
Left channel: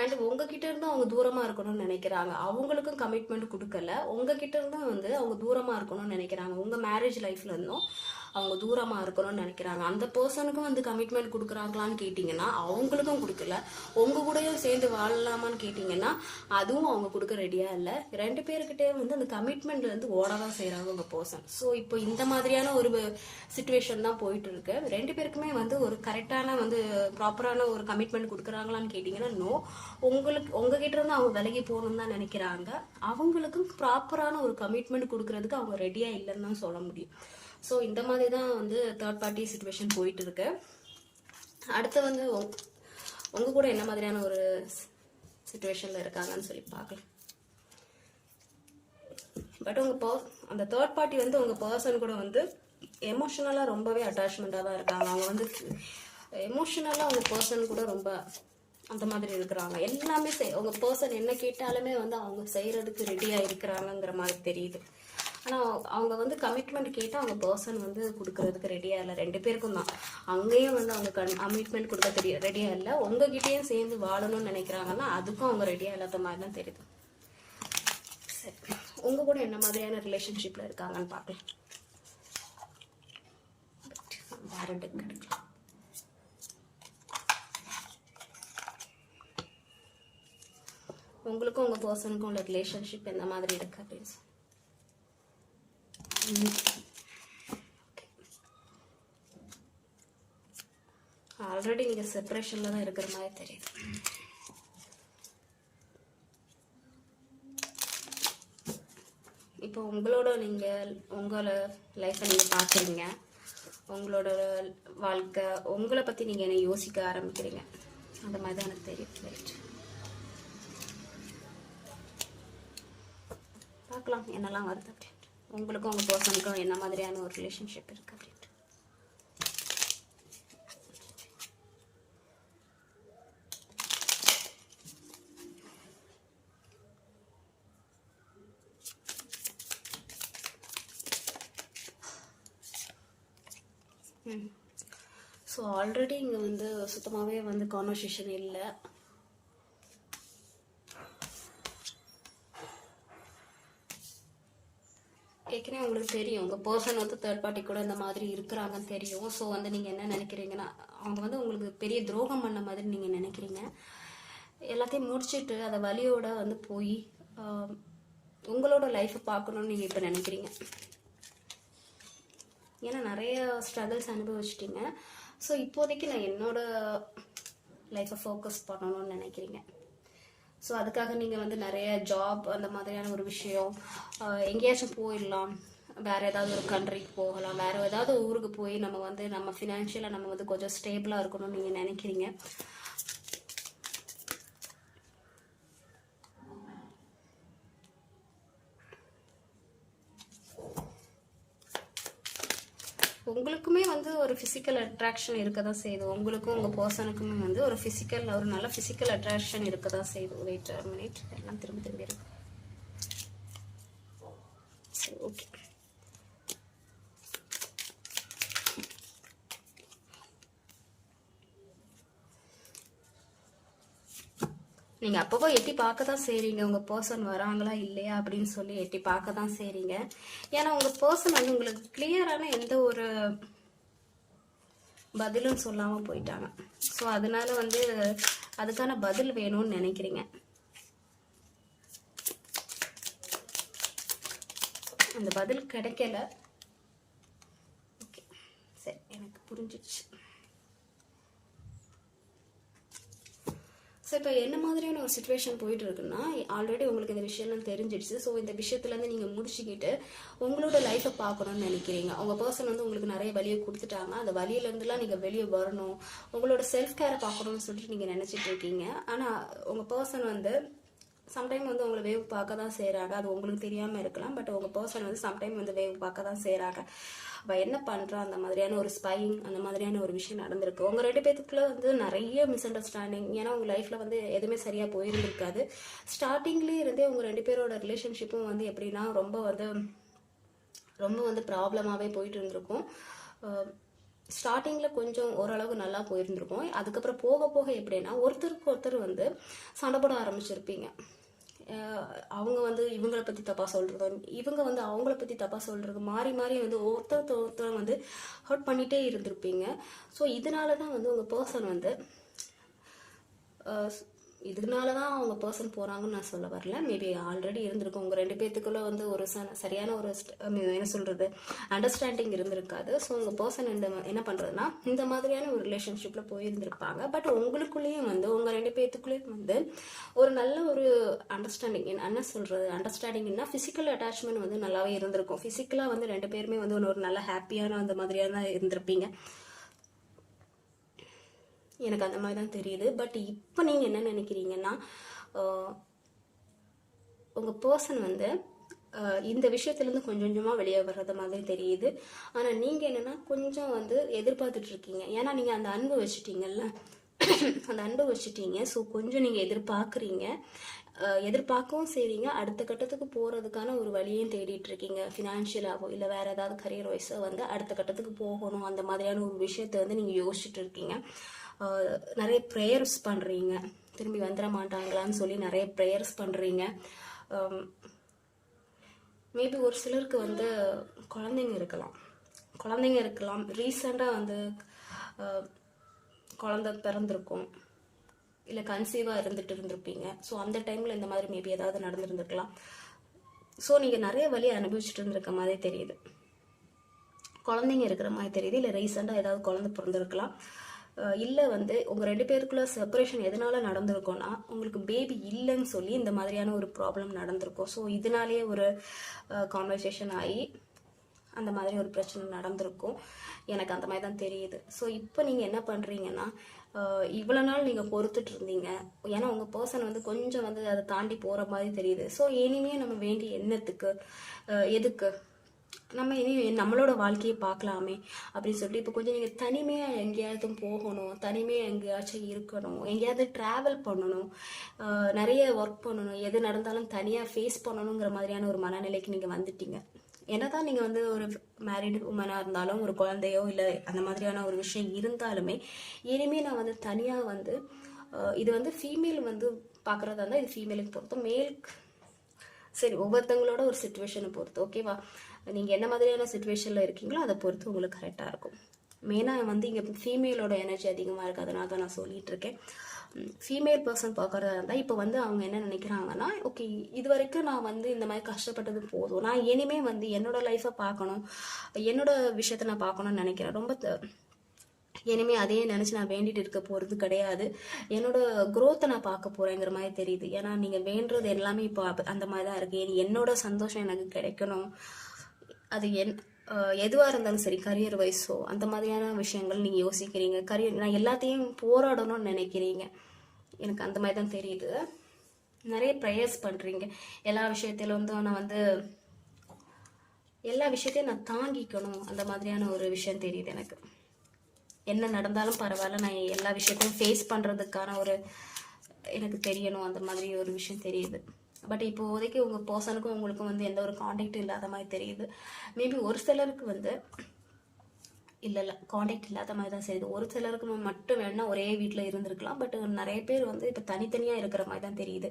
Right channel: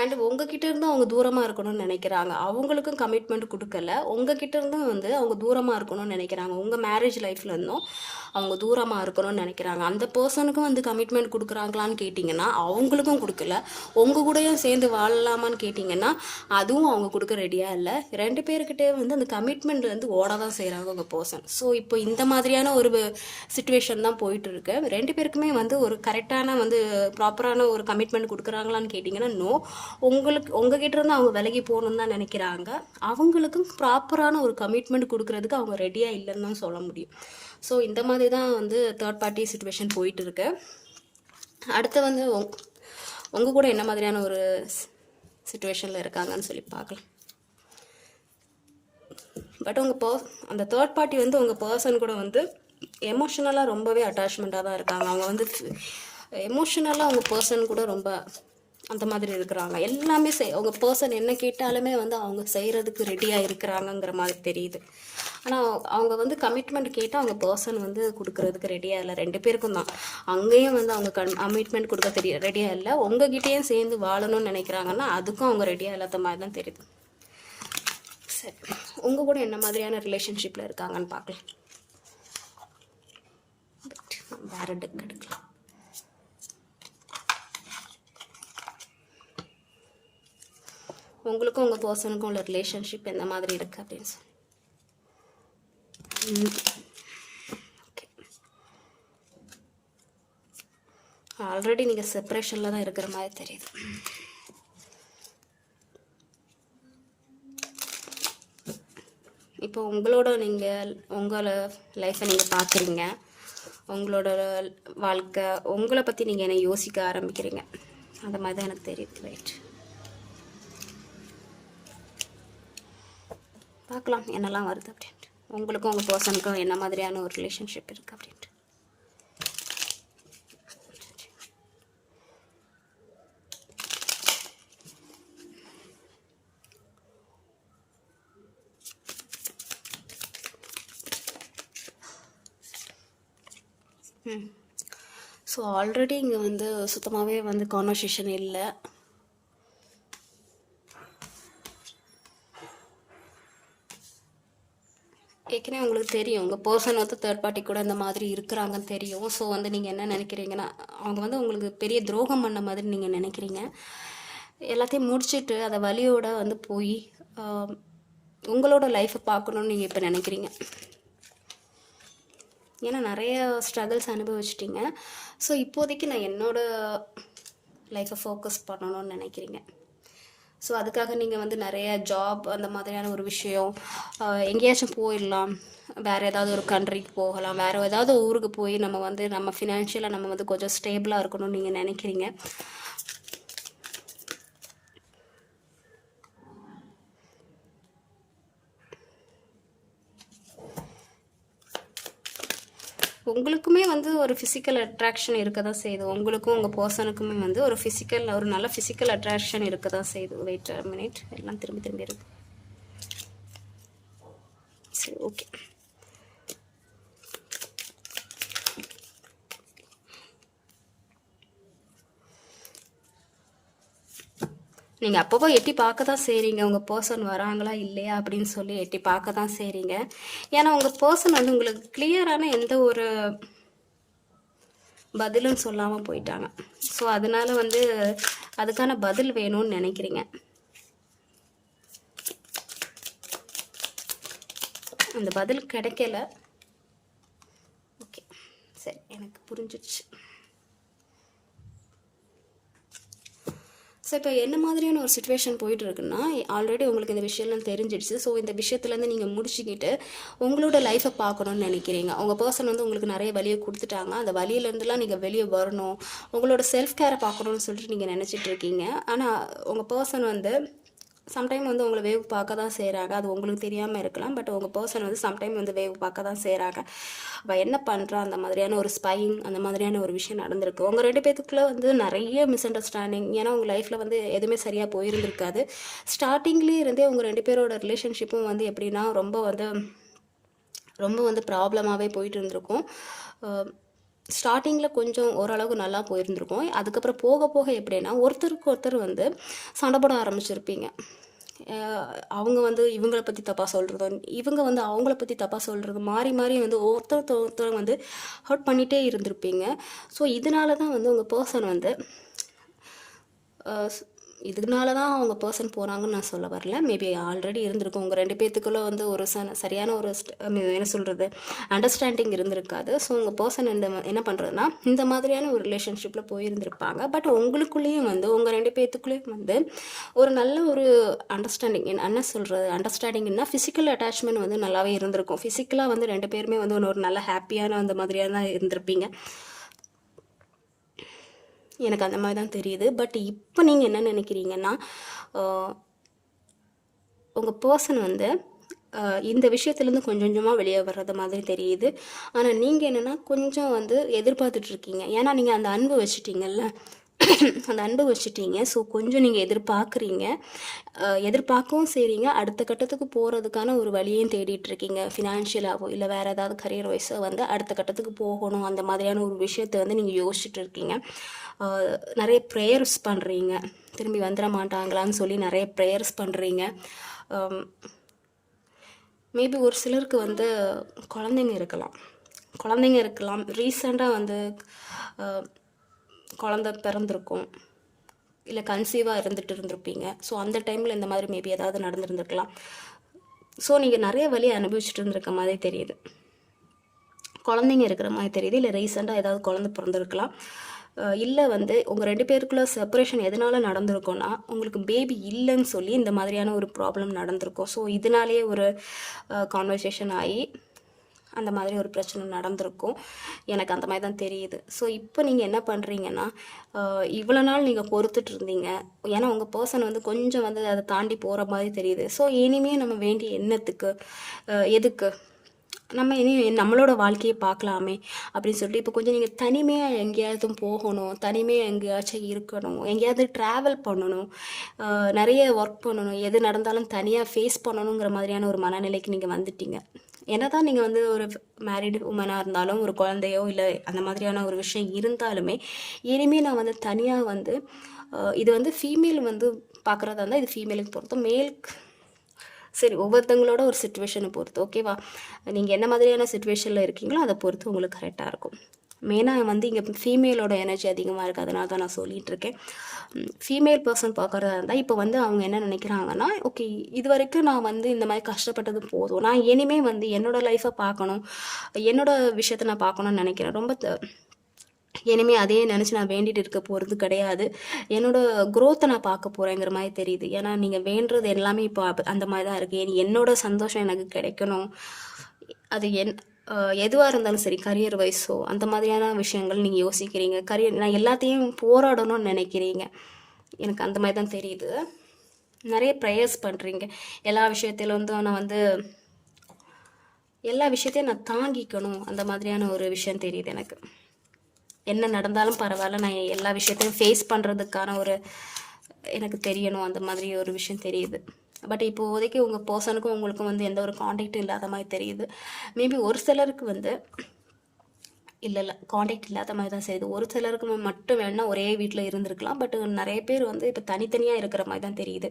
அண்ட் உங்ககிட்ட இருந்தும் அவங்க தூரமாக இருக்கணும்னு நினைக்கிறாங்க. அவங்களுக்கும் கமிட்மெண்ட் கொடுக்கல, உங்ககிட்ட இருந்தும் வந்து அவங்க தூரமாக இருக்கணும்னு நினைக்கிறாங்க. உங்கள் மேரேஜ் லைஃப்ல இருந்தும் அவங்க தூரமாக இருக்கணும்னு நினைக்கிறாங்க. அந்த பர்சனுக்கும் வந்து கமிட்மெண்ட் கொடுக்குறாங்களான்னு கேட்டிங்கன்னா அவங்களுக்கும் கொடுக்கல. உங்கள் கூடயும் சேர்ந்து வாழலாமான்னு கேட்டிங்கன்னா அதுவும் அவங்க கொடுக்க ரெடியாக இல்லை. 2 பேர்கிட்டே வந்து அந்த கமிட்மெண்ட் வந்து ஓட தான் செய்கிறாங்க உங்கள் பர்சன். ஸோ இப்போ இந்த மாதிரியான ஒரு சுச்சுவேஷன் தான் போயிட்டு இருக்கு. 2 பேருக்குமே வந்து ஒரு கரெக்டான வந்து ப்ராப்பரான ஒரு கமிட்மெண்ட் கொடுக்குறாங்களான்னு கேட்டிங்கன்னா நோ. உங்ககிட்ட இருந்து அவங்க விலகி போகணுன்னு தான் நினைக்கிறாங்க. அவங்களுக்கும் ப்ராப்பரான ஒரு கமிட்மெண்ட் கொடுக்கறதுக்கு அவங்க ரெடியாக இல்லைன்னு தான் சொல்ல முடியும். ஸோ இந்த மாதிரி தான் வந்து தேர்ட் பார்ட்டி சுச்சுவேஷன் போயிட்டு இருக்கு. அடுத்து வந்து உங்கள் கூட என்ன மாதிரியான ஒரு சுச்சுவேஷனில் இருக்காங்கன்னு சொல்லி பார்க்கலாம். பட் அந்த தேர்ட் பார்ட்டி வந்து உங்கள் பர்சன் கூட வந்து எமோஷ்னலாக ரொம்பவே அட்டாச்மெண்ட்டாக தான் இருக்காங்க. அவங்க வந்து எமோஷ்னலாக உங்கள் பர்சன் கூட ரொம்ப அந்த மாதிரி இருக்கிறாங்க. எல்லாமே அவங்க பர்சன் என்ன கேட்டாலுமே வந்து அவங்க செய்கிறதுக்கு ரெடியாக இருக்கிறாங்கங்கிற மாதிரி தெரியுது. ஆனால் அவங்க வந்து கமிட்மெண்ட் கேட்டால் அவங்க பர்சன் வந்து கொடுக்கறதுக்கு ரெடியாக இல்லை. 2 பேருக்கும் தான். அங்கேயும் வந்து அவங்க கமிட்மெண்ட் கொடுக்க ரெடியாக இல்லை. உங்ககிட்டேயும் சேர்ந்து வாழணும்னு நினைக்கிறாங்கன்னா அதுக்கும் அவங்க ரெடியாக இல்லாத மாதிரி தான் தெரியுது. சரி, உங்கள் கூட என்ன மாதிரியான ரிலேஷன்ஷிப்பில் இருக்காங்கன்னு பார்க்கலாம். வேறு டெக் எடுக்கலாம். உங்களுக்கும் உங்கள் பர்சனுக்கும் உள்ள ரிலேஷன்ஷிப் எந்த மாதிரி இருக்குது அப்படின்னு சொல்லி. ஓகே, ஆல்ரெடி நீங்கள் செப்பரேஷனில் தான் இருக்கிற மாதிரி தெரியுது. இப்போ உங்களோட லைஃப்பை நீங்கள் பார்க்குறீங்க. உங்களோட வாழ்க்கை உங்களை பற்றி நீங்கள் என்ன யோசிக்க ஆரம்பிக்கிறீங்க. அந்த மாதிரி தான் எனக்கு தெரியுது. ரைட், பார்க்கலாம் என்னெல்லாம் வருது அப்படின்ட்டு. உங்களுக்கும் உங்கள் பர்சனுக்கும் என்ன மாதிரியான ஒரு ரிலேஷன்ஷிப் இருக்குது அப்படின்ட்டு. ஸோ ஆல்ரெடி இங்கே வந்து சுத்தமாகவே வந்து கான்வர்சேஷன் இல்லை. ஏற்கனவே உங்களுக்கு தெரியும் உங்கள் பர்சன் வந்து தேர்ட் பார்ட்டி கூட இந்த மாதிரி இருக்கிறாங்கன்னு தெரியும். ஸோ வந்து நீங்கள் என்ன நினைக்கிறீங்கன்னா அவங்க வந்து உங்களுக்கு பெரிய துரோகம் பண்ண மாதிரி நீங்கள் நினைக்கிறீங்க. எல்லாத்தையும் முடிச்சுட்டு அதை வலியோட வந்து போய் உங்களோட லைஃப்பை பார்க்கணுன்னு நீங்கள் இப்போ நினைக்கிறீங்க. ஏன்னா நிறைய ஸ்ட்ரகிள்ஸ் அனுபவிச்சிட்டிங்க. ஸோ இப்போதைக்கு நான் என்னோடய லைஃப்பை ஃபோக்கஸ் பண்ணணும்னு நினைக்கிறீங்க. ஸோ அதுக்காக நீங்கள் வந்து நிறைய ஜாப் அந்த மாதிரியான ஒரு விஷயம், எங்கேயாச்சும் போயிடலாம், வேறு ஏதாவது ஒரு கண்ட்ரிக்கு போகலாம், வேறு ஏதாவது ஊருக்கு போய் நம்ம ஃபினான்ஷியலாக நம்ம வந்து கொஞ்சம் ஸ்டேபிளாக இருக்கணும்னு நீங்கள் நினைக்கிறீங்க. உங்களுக்குமே வந்து ஒரு ஃபிசிக்கல் அட்ராக்ஷன் இருக்க தான் செய்யுது. உங்களுக்கும் உங்கள் பர்சனுக்குமே வந்து ஒரு நல்ல ஃபிசிக்கல் அட்ராக்ஷன் இருக்க தான் செய்யுது. வெயிட் மினிட், எல்லாம் திரும்பி இருக்கு. சரி, ஓகே. நீங்கள் அப்பப்போ எட்டி பார்க்க தான் செய்கிறீங்க, உங்கள் பர்சன் வராங்களா இல்லையா அப்படின்னு சொல்லி எட்டி பார்க்க தான் செய்கிறீங்க. ஏன்னா உங்கள் பர்சன் வந்து உங்களுக்கு கிளியரான எந்த ஒரு பதிலும் சொல்லாமல் போயிட்டாங்க. ஸோ அதனால வந்து அதுக்கான பதில் வேணும்னு நினைக்கிறீங்க. அந்த பதில் கிடைக்கல. ஓகே, சரி, எனக்கு புரிஞ்சிடுச்சு. ஸோ இப்போ என்ன மாதிரியான ஒரு சுச்சுவேஷன் போயிட்டு இருக்குன்னா, ஆல்ரெடி உங்களுக்கு இந்த விஷயம்லாம் தெரிஞ்சிடுச்சு. ஸோ இந்த விஷயத்துலேருந்து நீங்கள் முடிச்சுக்கிட்டு உங்களோட லைஃப்பை பார்க்கணுன்னு நினைக்கிறீங்க. உங்கள் பர்சன் வந்து உங்களுக்கு நிறைய வழியை கொடுத்துட்டாங்க. அந்த வழியிலேருந்துலாம் நீங்கள் வெளியே வரணும், உங்களோட செல்ஃப் கேரை பார்க்கணுன்னு சொல்லிட்டு நீங்கள் நினச்சிட்டு இருக்கீங்க. ஆனால் உங்கள் பர்சன் வந்து சம்டைம் வந்து உங்களை வேவ் பார்க்க தான் செய்கிறாங்க. அது உங்களுக்கு தெரியாமல் இருக்கலாம். பட் உங்கள் பர்சன் வந்து சம்டைம் வந்து வேவ் பார்க்க தான் செய்கிறாங்க. அவள் என்ன பண்ணுறா, அந்த மாதிரியான ஒரு ஸ்பைங், அந்த மாதிரியான ஒரு விஷயம் நடந்திருக்கு. உங்கள் 2 பேத்துக்குள்ளே வந்து நிறைய மிஸ் அண்டர்ஸ்டாண்டிங். ஏன்னா உங்கள் லைஃப்பில் வந்து எதுவுமே சரியாக போயிருந்திருக்காது. ஸ்டார்டிங்லேயே இருந்தே உங்கள் 2 பேரோட ரிலேஷன்ஷிப்பும் வந்து எப்படின்னா ரொம்ப வந்து ப்ராப்ளமாகவே போயிட்டு இருந்திருக்கும். ஸ்டார்டிங்கில் கொஞ்சம் ஓரளவுக்கு நல்லா போயிருந்திருக்கும். அதுக்கப்புறம் போக போக எப்படின்னா ஒருத்தருக்கு ஒருத்தர் வந்து சண்டை போட ஆரம்பிச்சிருப்பீங்க. அவங்க வந்து இவங்களை பற்றி தப்பாக சொல்கிறதும், இவங்க வந்து அவங்கள பற்றி தப்பாக சொல்கிறது, மாறி மாறி வந்து ஒருத்தர் வந்து ஹர்ட் பண்ணிகிட்டே இருந்திருப்பீங்க. ஸோ இதனால தான் வந்து உங்கள் பர்சன் வந்து இதனால தான் அவங்க பர்சன் போகிறாங்கன்னு நான் சொல்ல வரல. மேபி ஆல்ரெடி இருந்திருக்கும். உங்கள் 2 பேர்த்துக்குள்ளே வந்து ஒரு சரியான ஒரு என்ன சொல்கிறது அண்டர்ஸ்டாண்டிங் இருந்திருக்காது. ஸோ உங்கள் பர்சன் என்ன பண்ணுறதுனா இந்த மாதிரியான ஒரு ரிலேஷன்ஷிப்பில் போயிருந்திருப்பாங்க. பட் உங்களுக்குள்ளேயும் வந்து உங்கள் 2 பேர்த்துக்குள்ளேயும் வந்து ஒரு நல்ல ஒரு அண்டர்ஸ்டாண்டிங், என்ன சொல்கிறது அண்டர்ஸ்டாண்டிங்னா ஃபிசிக்கல் அட்டாச்மெண்ட் வந்து நல்லாவே இருந்திருக்கும். ஃபிசிக்கலாக வந்து 2 பேருமே வந்து ஒரு நல்ல ஹாப்பியான அந்த மாதிரியாக தான் இருந்திருப்பீங்க. எனக்கு அந்த மாதிரி தான் தெரியுது. பட் இப்போ நீங்கள் என்ன நினைக்கிறீங்கன்னா, உங்கள் பர்சன் வந்து இந்த விஷயத்துலேருந்து கொஞ்சம் கொஞ்சமாக வெளியே வர்றது மாதிரி தெரியுது. ஆனால் நீங்கள் என்னென்னா கொஞ்சம் வந்து எதிர்பார்த்துட்ருக்கீங்க. ஏன்னா நீங்கள் அந்த அன்பு வச்சுட்டீங்கல்ல, அந்த அன்பு வச்சுட்டீங்க. ஸோ கொஞ்சம் நீங்கள் எதிர்பார்க்கவும் செய்கிறீங்க. அடுத்த கட்டத்துக்கு போகிறதுக்கான ஒரு வழியையும் தேடிட்டுருக்கீங்க. ஃபினான்ஷியலாகவோ இல்லை வேறு ஏதாவது கரியர் வைஸோ வந்து அடுத்த கட்டத்துக்கு போகணும், அந்த மாதிரியான ஒரு விஷயத்தை வந்து நீங்கள் யோசிச்சுட்டு இருக்கீங்க. நிறைய ப்ரேயர்ஸ் பண்ணுறீங்க, திரும்பி வந்துட மாட்டாங்களான்னு சொல்லி நிறைய ப்ரேயர்ஸ் பண்ணுறீங்க. மேபி ஒரு சிலருக்கு வந்து குழந்தைங்க இருக்கலாம். ரீசெண்டாக வந்து குழந்தை பிறந்திருக்கும், இல்லை கன்சீவாக இருந்திருப்பீங்க. ஸோ அந்த டைமில் இந்த மாதிரி மேபி ஏதாவது நடந்துருந்துருக்கலாம். ஸோ நீங்கள் நிறைய வழி அனுபவிச்சுட்டு இருந்திருக்க மாதிரி தெரியுது. குழந்தைங்க இருக்கிற மாதிரி தெரியுது. இல்லை ரீசெண்டாக ஏதாவது குழந்தை பிறந்திருக்கலாம். இல்லை வந்து உங்கள் 2 பேருக்குள்ள செப்பரேஷன் எதனால் நடந்திருக்கும்னா உங்களுக்கு பேபி இல்லைன்னு சொல்லி இந்த மாதிரியான ஒரு ப்ராப்ளம் நடந்திருக்கும். ஸோ இதனாலேயே ஒரு கான்வர்சேஷன் ஆகி அந்த மாதிரி ஒரு பிரச்சனை நடந்திருக்கும். எனக்கு அந்த மாதிரி தான் தெரியுது. ஸோ இப்போ நீங்கள் என்ன பண்ணுறீங்கன்னா, இவ்வளோ நாள் நீங்கள் பொறுத்துட்டு இருந்தீங்க. ஏன்னா உங்கள் பர்சன் வந்து கொஞ்சம் வந்து அதை தாண்டி போகிற மாதிரி தெரியுது. ஸோ இனிமேல் நம்ம வேண்டிய எண்ணத்துக்கு எதுக்கு நம்ம இனி நம்மளோட வாழ்க்கையை பார்க்கலாமே அப்படின்னு சொல்லிட்டு இப்போ கொஞ்சம் நீங்கள் தனிமையாக எங்கேயாவது போகணும், தனிமையாக எங்கேயாச்சும் இருக்கணும், எங்கேயாவது ட்ராவல் பண்ணணும், நிறைய ஒர்க் பண்ணணும், எது நடந்தாலும் தனியாக ஃபேஸ் பண்ணணுங்கிற மாதிரியான ஒரு மனநிலைக்கு நீங்கள் வந்துட்டீங்க. என்ன தான் நீங்கள் வந்து ஒரு மேரிடு உமனாக இருந்தாலும், ஒரு குழந்தையோ இல்லை அந்த மாதிரியான ஒரு விஷயம் இருந்தாலுமே, இனிமேல் நான் வந்து தனியாக வந்து இது வந்து ஃபீமேல் வந்து பார்க்குறதா இருந்தால் இது ஃபீமேலுக்கு பொறுத்து, மேலுக்கு சரி ஒவ்வொருத்தங்களோட ஒரு சுச்சுவேஷனை பொறுத்து. ஓகேவா, நீங்கள் என்ன மாதிரியான சுச்சுவேஷனில் இருக்கீங்களோ அதை பொறுத்து உங்களுக்கு கரெக்டாக இருக்கும். மெயினாக வந்து இங்கே ஃபீமேலோட எனர்ஜி அதிகமாக இருக்குது, அதனால தான் நான் சொல்லிகிட்டு இருக்கேன். ஃபீமேல் பர்சன் பார்க்குறதா இருந்தால் இப்போ வந்து அவங்க என்ன நினைக்கிறாங்கன்னா, ஓகே இது வரைக்கும் நான் வந்து இந்த மாதிரி கஷ்டப்பட்டது போதும், நான் இனிமேல் வந்து என்னோடய லைஃப்பை பார்க்கணும், என்னோடய விஷயத்தை நான் பார்க்கணுன்னு நினைக்கிறேன். ரொம்ப இனிமேல் அதையே நினச்சி நான் வேண்டிட்டு இருக்க போகிறது கிடையாது, என்னோடய க்ரோத்தை நான் பார்க்க போகிறேங்கிற மாதிரி தெரியுது. ஏன்னா நீங்கள் வேண்டுறது எல்லாமே இப்போ அந்த மாதிரி தான் இருக்குது. என்னோடய சந்தோஷம் எனக்கு கிடைக்கணும், அது எதுவாக இருந்தாலும் சரி, கரியர் வைஸோ அந்த மாதிரியான விஷயங்கள் நீங்கள் யோசிக்கிறீங்க. நான் எல்லாத்தையும் போராடணும்னு நினைக்கிறீங்க. எனக்கு அந்த மாதிரி தான் தெரியுது. நிறைய ப்ரேயர்ஸ் பண்ணுறீங்க. எல்லா விஷயத்திலும் வந்து நான் வந்து எல்லா விஷயத்தையும் நான் தாங்கிக்கணும், அந்த மாதிரியான ஒரு விஷயம் தெரியுது எனக்கு. என்ன நடந்தாலும் பரவாயில்ல, நான் எல்லா விஷயத்தையும் ஃபேஸ் பண்ணுறதுக்கான ஒரு எனக்கு தெரியணும், அந்த மாதிரி ஒரு விஷயம் தெரியுது. பட் இப்போதைக்கு உங்கள் பர்சனுக்கும் உங்களுக்கும் வந்து எந்த ஒரு காண்டாக்டும் இல்லாத மாதிரி தெரியுது. மேபி ஒரு சிலருக்கு வந்து இல்லை காண்டாக்ட் இல்லாத மாதிரி தான் செய்யுது. ஒரு சிலருக்கு மட்டும் வேணால் ஒரே வீட்டில் இருந்திருக்கலாம். பட் நிறைய பேர் வந்து இப்போ தனித்தனியாக இருக்கிற மாதிரி தான் தெரியுது,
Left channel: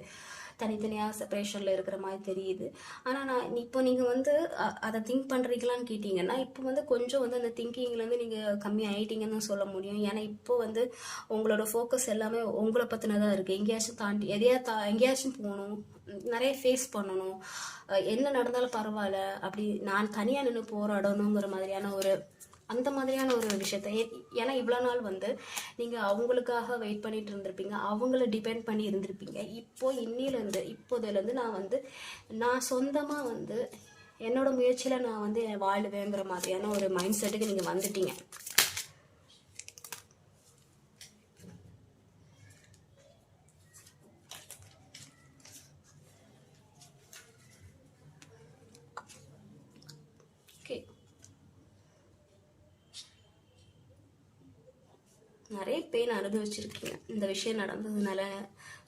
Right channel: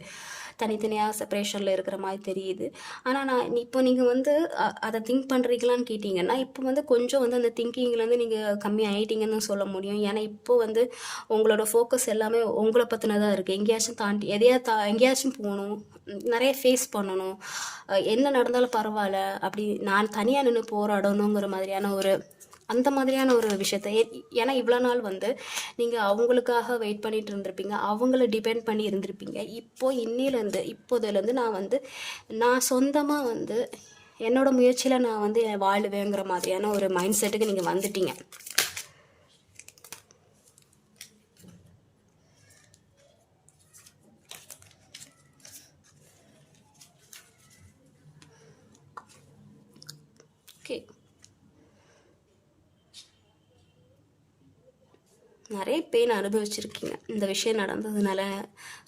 தனித்தனியாக செப்பரேஷனில் இருக்கிற மாதிரி தெரியுது. ஆனால் நான் இப்போ நீங்கள் வந்து அதை திங்க் பண்ணுறீங்களான்னு கேட்டிங்கன்னா, இப்போ வந்து கொஞ்சம் வந்து அந்த திங்கிங்லேருந்து நீங்கள் கம்மி ஆகிட்டீங்கன்னு சொல்ல முடியும். ஏன்னா இப்போ வந்து உங்களோட ஃபோக்கஸ் எல்லாமே உங்களை பற்றினதாக இருக்குது. எங்கேயாச்சும் தாண்டி எங்கேயாச்சும் போகணும், நிறைய ஃபேஸ் பண்ணணும், என்ன நடந்தாலும் பரவாயில்ல, அப்படி நான் தனியாக நின்று போராடணுங்கிற மாதிரியான அந்த மாதிரியான ஒரு விஷயத்த. ஏன்னா இவ்வளோ நாள் வந்து நீங்கள் அவங்களுக்காக வெயிட் பண்ணிட்டு இருந்திருப்பீங்க, அவங்கள டிபெண்ட் பண்ணி இருந்திருப்பீங்க. இப்போதுலேருந்து நான் சொந்தமாக வந்து என்னோட முயற்சியில் நான் வந்து வாழுவேங்கிற மாதிரியான ஒரு மைண்ட் செட்டுக்கு நீங்கள் வந்துட்டீங்க. ஓகே, நிறைய பெயின் அனுபவிச்சிருக்கீங்க. இந்த விஷயம் நடந்ததுனால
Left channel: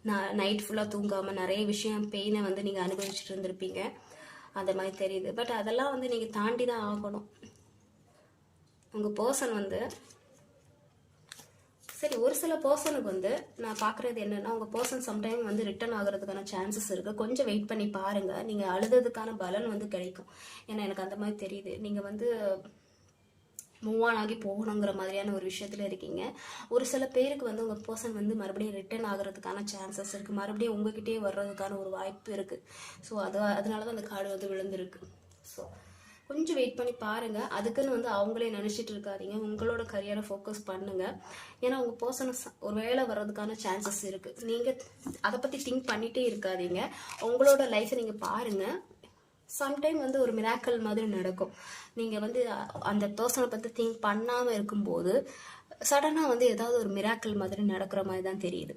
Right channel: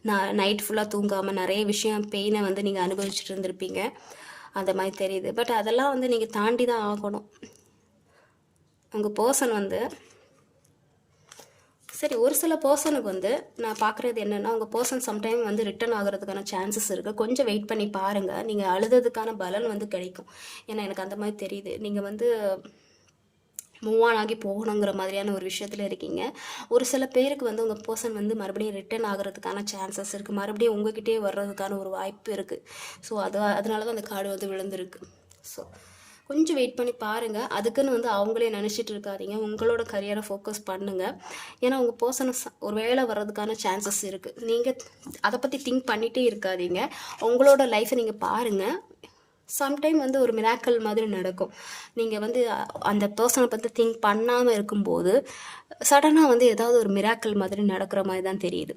நான் நைட் ஃபுல்லாக தூங்காமல் நிறைய பெயினை வந்து நீங்கள் அனுபவிச்சுட்டு இருந்திருப்பீங்க, அந்த மாதிரி தெரியுது. பட் அதெல்லாம் வந்து நீங்கள் தாண்டி தான் ஆகணும். உங்கள் பர்சன் வந்து சரி, ஒரு சில பர்சனுக்கு வந்து நான் பார்க்குறது என்னென்னா, உங்கள் பர்சன் சம்டைம் வந்து ரிட்டர்ன் ஆகிறதுக்கான சான்சஸ் இருக்குது. கொஞ்சம் வெயிட் பண்ணி பாருங்கள், நீங்கள் அழுததுக்கான பலன் வந்து கிடைக்கும். ஏன்னா எனக்கு அந்த மாதிரி தெரியுது, நீங்கள் வந்து மூவ் ஆன் ஆகி போகணுங்கிற மாதிரியான ஒரு விஷயத்தில் இருக்கீங்க. ஒரு சில பேருக்கு வந்து உங்கள் பர்சன் வந்து மறுபடியும் ரிட்டர்ன் ஆகிறதுக்கான சான்சஸ் இருக்குது, மறுபடியும் உங்ககிட்டே வர்றதுக்கான ஒரு வாய்ப்பு இருக்குது. ஸோ அதனால தான் அந்த கார்டு வந்து விழுந்திருக்கு. ஸோ கொஞ்சம் வெயிட் பண்ணி பாருங்கள். அதுக்குன்னு வந்து அவங்களே நினச்சிட்டு இருக்காதீங்க, உங்களோட கரியரை ஃபோக்கஸ் பண்ணுங்கள். ஏன்னா உங்கள் பர்சன் ஒரு வேலை வர்றதுக்கான சான்சஸ் இருக்குது. நீங்கள் அதை பற்றி திங்க் பண்ணிகிட்டே இருக்காதீங்க, உங்களோட லைஃப்பை நீங்கள் பாருங்கள். சம்டைம் வந்து ஒரு மிராக்கல் மாதிரி நடக்கும். நீங்கள் வந்து அந்த பர்சனை பற்றி திங்க் பண்ணாமல் இருக்கும்போது சடனாக வந்து ஏதாவது ஒரு மிராக்கல் மாதிரி நடக்கிற மாதிரி தான் தெரியுது.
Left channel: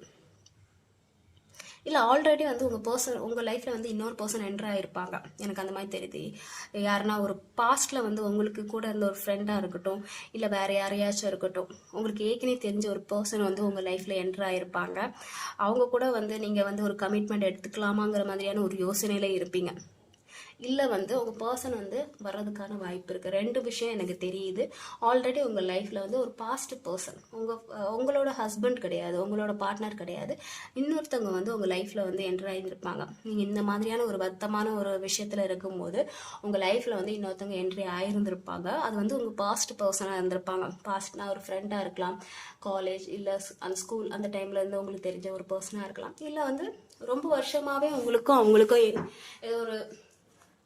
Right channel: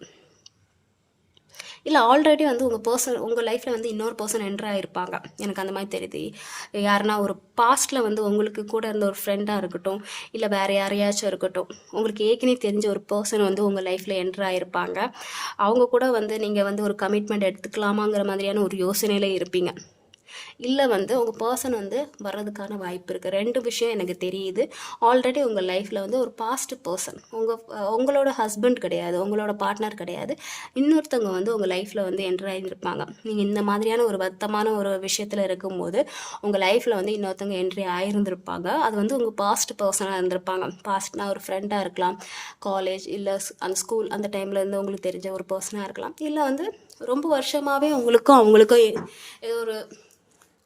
இல்லை ஆல்ரெடி வந்து உங்கள் லைஃப்பில் வந்து இன்னொரு பர்சன் என்ட்ரு ஆகிருப்பாங்க, எனக்கு அந்த மாதிரி தெரியுது. யாருன்னா ஒரு பாஸ்ட்டில் வந்து உங்களுக்கு கூட இருந்த ஒரு ஃப்ரெண்டாக இருக்கட்டும், இல்லை வேறு யாரையாச்சும் இருக்கட்டும், உங்களுக்கு ஏற்கனவே தெரிஞ்ச ஒரு பர்சன் வந்து உங்கள் லைஃப்பில் என்ட்ரு ஆகிருப்பாங்க. அவங்க கூட வந்து நீங்கள் வந்து ஒரு கமிட்மெண்ட் எடுத்துக்கலாமாங்கிற மாதிரியான ஒரு யோசனையில் இருப்பீங்க. இல்லை வந்து உங்கள் பர்சன் வந்து வர்றதுக்கான வாய்ப்பு இருக்குது. 2 விஷயம் எனக்கு தெரியுது. ஆல்ரெடி உங்கள் லைஃப்பில் வந்து ஒரு பாஸ்ட் பர்சன், உங்களோட ஹஸ்பண்ட் கிடையாது, உங்களோட பார்ட்னர் கிடையாது, இன்னொருத்தவங்க வந்து உங்கள் லைஃப்பில் வந்து என்ட்ரு ஆகியிருப்பாங்க. நீங்கள் இந்த மாதிரியான ஒரு வருத்தமான ஒரு விஷயத்தில் இருக்கும்போது உங்கள் லைஃப்பில் வந்து இன்னொருத்தவங்க என்ட்ரி ஆகியிருந்திருப்பாங்க. அது வந்து உங்கள் பாஸ்ட் பர்சனாக இருந்திருப்பாங்க. பாஸ்ட்னா ஒரு ஃப்ரெண்டாக இருக்கலாம், காலேஜ் இல்லை அந்த ஸ்கூல் அந்த டைமில் இருந்து உங்களுக்கு தெரிஞ்ச ஒரு பர்சனாக இருக்கலாம், இல்லை வந்து ரொம்ப வருஷமாகவே உங்களுக்கும் அவங்களுக்கும் ஏதோ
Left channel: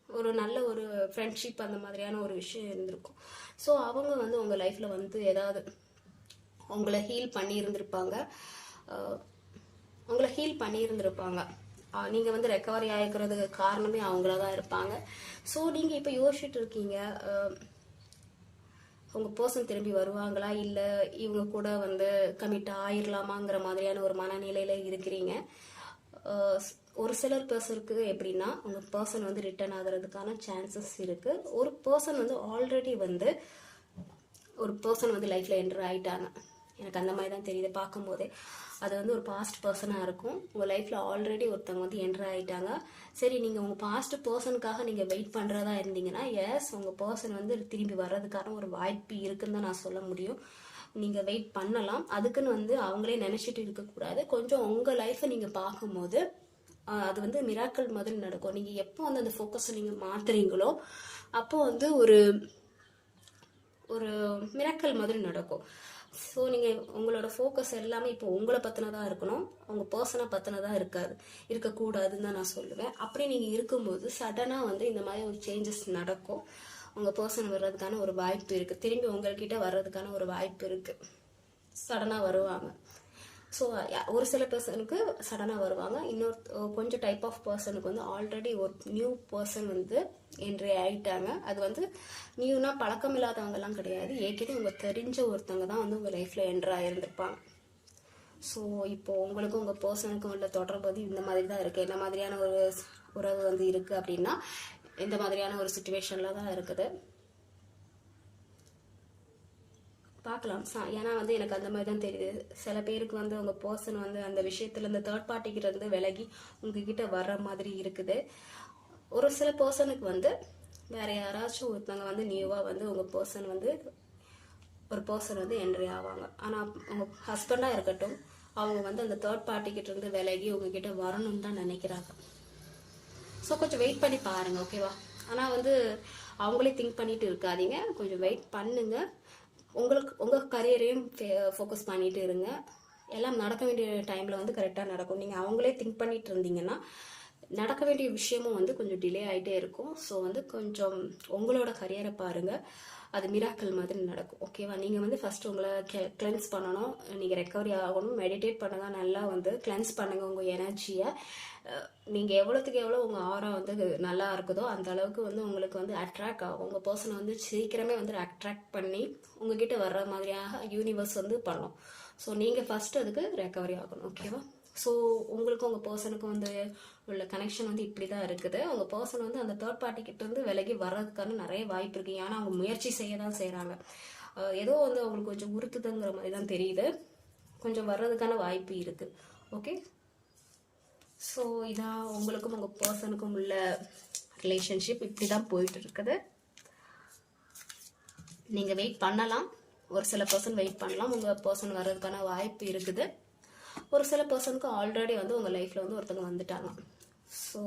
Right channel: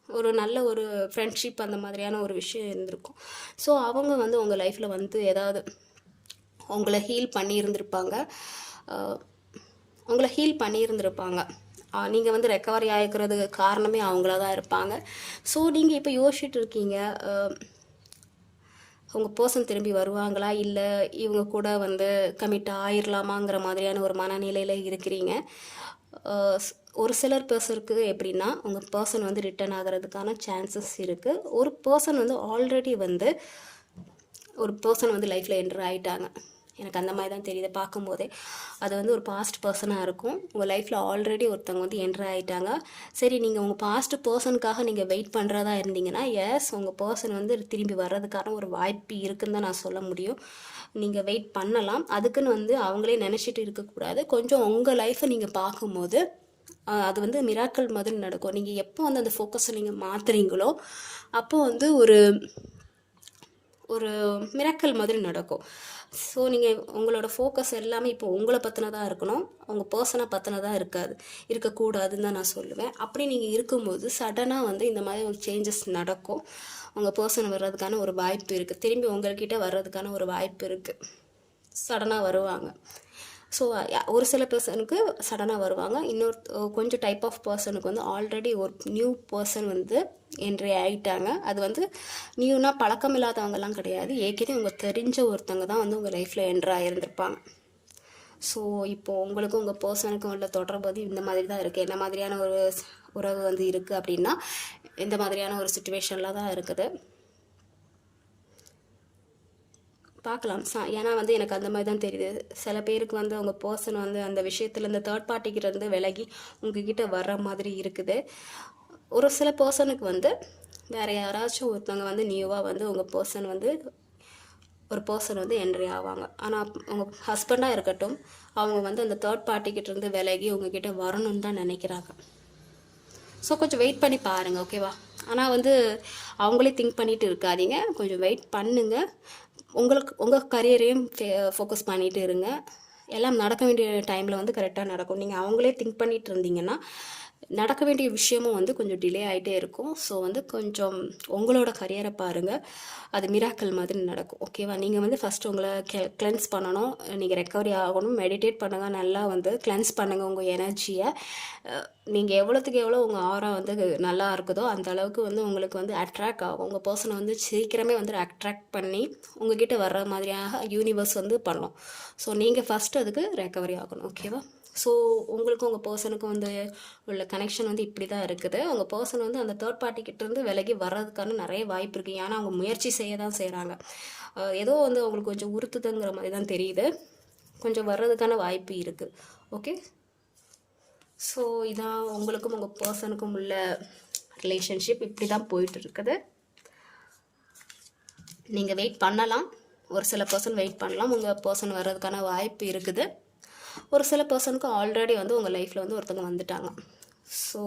ஒரு நல்ல ஒரு ஃப்ரெண்ட்ஷிப் அந்த மாதிரியான ஒரு விஷயம் இருந்திருக்கும். ஸோ அவங்க வந்து உங்கள் லைஃப்பில் வந்து ஏதாவது உங்களை ஹீல் பண்ணியிருந்திருப்பாங்க. நீங்கள் வந்து ரெக்கவரி ஆகிக்கிறதுக்கு காரணமே அவங்கள தான் இருப்பாங்க. ஸோ நீங்கள் இப்போ யோசிச்சுட்டு இருக்கீங்க, உங்கள் பர்சன் திரும்பி வருவாங்களா, இல்லை இவங்க கூட வந்து கமிட் ஆயிடலாமாங்கிற மாதிரியான ஒரு மனநிலையில் இருக்கிறீங்க. ஒரு சிலர் பர்சனுக்கு எப்படின்னா, உங்கள் பர்சன் வந்து ரிட்டர்ன் ஆகிறதுக்கான சான்சஸ் இருக்குது. ஒரு பர்சன் வந்து ஆல்ரெடி வந்து லைஃப்பில் என்ட்ரு ஆகிட்டாங்க, எனக்கு அந்த மாதிரி தான் தெரியுது பார்க்கும்போதே. அது வந்து ஒரு பாஸ்ட் பர்சனாக இருக்கும். உங்கள் லைஃப்பில் ஆல்ரெடி ஒருத்தவங்க வந்து என்ட்ரு ஆகிட்டாங்க. சரி, நீங்கள் உங்கள் பாஸ்ட் பர்சனுக்காக நீங்கள் வெயிட் பண்ணுறதா இருந்தீங்கன்னா, எஸ் உங்கள் பர்சன் வந்து திரும்பி வர்றதுக்கான ஒரு வாய்ப்பு இருக்குன்னு தான் நான் சொல்ல முடியும். நீங்கள் வெயிட் பண்ணலாம். அதுக்குன்னு வந்து அவங்களே நினச்சிட்டு இருக்கக்கூடாது. கொஞ்சம் உங்கள் லைஃப்பை நீங்கள் பார்க்கும்போது அது வந்து மிராக்கள் மாதிரி நடக்கும். நீங்கள் எப்போ வந்து அந்த ஃபோக்கஸை நீங்கள் மாற்றுறீங்களோ அப்போ வந்து ஒரு மிராக்கள் மாதிரி நடக்கும். ஸோ நீங்கள் உங்களோட ஃபோக்கஸ் எல்லாமே இப்போ உங்களை பற்றினதாக இருக்கணும், உங்கள் பர்சனை பற்றினதாக இருக்கக்கூடாதுன்னு தான் நான் சொல்லுவேன். அப்படி நீங்கள் இருக்கும்போது சடனாக வந்து இந்த மாதிரி ஒரு சேஞ்சஸ் நடக்கும். உங்கள் பர்சன் வர்றதுக்கான ஒரு வாய்ப்பு இருக்குது, திரும்பி உங்கள்கிட்ட வர்றதுக்கான ஒரு வாய்ப்பு இருக்குது, சடனாக வருவாங்க. ஸோ ஒரு சில பர்சனுக்கு சடனாக வருவாங்க, கொஞ்சம் டைப் ஆஃப் பர்சனுக்கு வந்து ஆல்ரெடி ஒரு நியூ பர்சன் வந்து என்ட்ரி ஆகிட்டாங்க. அது வந்து நியூனா பழக்கம் இல்லாதவங்கலாம் கிடையாது, ஏற்கனவே உங்கள் தெரிஞ்ச ஒருத்தவங்க தான் வந்து உங்கள் லைஃப்பில் என்ட்ரு ஆகியிருந்திருப்பாங்க. ஸோ இப்போது உங்களுக்கும் உங்கள் பர்சனுக்கும் உள்ள தொடர்பு இந்த மாதிரி தான் இருக்குது. என்ன மாதிரியான ஒரு உறவு வந்து இருக்குது அப்படின்னா, இந்த மாதிரியான ஒரு சிச்சுவேஷனில் தான் இருக்குது. பார்க்கலாம். ஏன்னா வந்து எனக்கு அந்த மாதிரி தான் தெரியுது. சில பேருக்கு வந்து உங்கள் பர்சன் வந்து அந்த விஷயத்தில் இந்த தேர்ட் பார்ட்டிக்கிட்ட விலகி உங்ககிட்ட வர்ற மாதிரி இருக்குது. ஒரு சில பர்சனுக்கு வந்து வேறு யாராச்சும் ஒருத்தவங்க வந்து நியூவாக வந்து உங்கள் பர்சன் வந்து ஒரு பர்சன் வந்து என்ட்ரி ஆவாங்க. ஆனால் உங்கள் ஹஸ்பண்டாக இருக்கட்டும், அவங்க வந்து அந்த தேர்ட் பார்ட்டிக்கிட்டேருந்து விலகி உங்ககிட்ட வரணும்னு தான் நினைக்கிறாங்க. ஸோ கொஞ்சம் வெயிட் பண்ணி பாருங்கள், ஓகேவா? ஆனால் வந்து அவங்களே திங்க் பண்ணிட்டு இருக்காதீங்க, கொஞ்சம் வெயிட் பண்ணுங்கள். உங்கள் கரியரையும் ஃபோக்கஸ் பண்ணிட்டு இருங்க. எல்லாம் நடக்க வேண்டிய டைமில் வந்து கரெக்டாக நடக்கும். நீங்கள் அவங்களே திங்க் பண்ணிட்டு இருந்தீங்கன்னா நடக்க வேண்டிய விஷயமும் வந்து கொஞ்சம் டிலே ஆகிட்டே இருக்கும். ஸோ வந்து கொஞ்சம் உங்களோட கரியரை பாருங்கள், அது மிராக்கல் மாதிரி நடக்கும், ஓகேவா? நீங்கள் வந்து ஃபஸ்ட்டு உங்களை கிளென்ஸ் பண்ணணும், நீங்கள் ரெக்கவரி ஆகணும், மெடிடேட் பண்ணுங்கள், நல்லா வந்து கிளென்ஸ் பண்ணுங்கள் உங்கள் எனர்ஜியை. நீங்கள் எவ்வளோத்துக்கு எவ்வளோ உங்கள் ஆரா வந்து நல்லா இருக்குதோ அந்த அளவுக்கு வந்து உங்களுக்கு வந்து அட்ராக்ட் ஆகும். உங்கள் பர்சனை வந்து சீக்கிரமே வந்து அட்ராக்ட் பண்ணி உங்ககிட்ட வர்ற மாதிரியாக யூனிவர்ஸ் வந்து பண்ணும். ஸோ நீங்கள் ஃபஸ்ட்டு அதுக்கு ரெக்கவரி ஆகணும், ஓகேவா? ஸோ உங்களுக்கும் உங்கள் பர்சனுக்கும் வந்து உள்ள கனெக்ஷன் வந்து இப்படி தான் இருக்குது. உங்கள் பர்சன் வந்து அந்த தேர்ட் பார்ட்டிக்கிட்டேருந்து விலகி வர்றதுக்கான நிறைய வாய்ப்பு இருக்குது. ஏன்னா அவங்க முயற்சி செய்ய தான் செய்கிறாங்க. ஏதோ வந்து அவங்களுக்கு கொஞ்சம் உறுத்துதுங்கிற மாதிரி தான் தெரியுது. கொஞ்சம் வர்றதுக்கான வாய்ப்பு இருக்குது, ஓகே? ஸோ இதான் உங்களுக்கும் உங்கள் பர்சனுக்கும் உள்ள ரிலேஷன்ஷிப் இப்படி தான் போயிட்டு இருக்குது. நீங்கள் வெயிட் பண்ணலாம், ஒரு சில பர்சன் வெயிட் பண்ணலாம், உங்கள் பர்சன் வர்றதுக்கான வாய்ப்பு இருக்குது. ஒரு சில பர்சனுக்கு ஆல்ரெடி வந்து உங்கள் லைஃப்பில் வந்து ஒருத்தவங்க வந்துட்டாங்க. ஸோ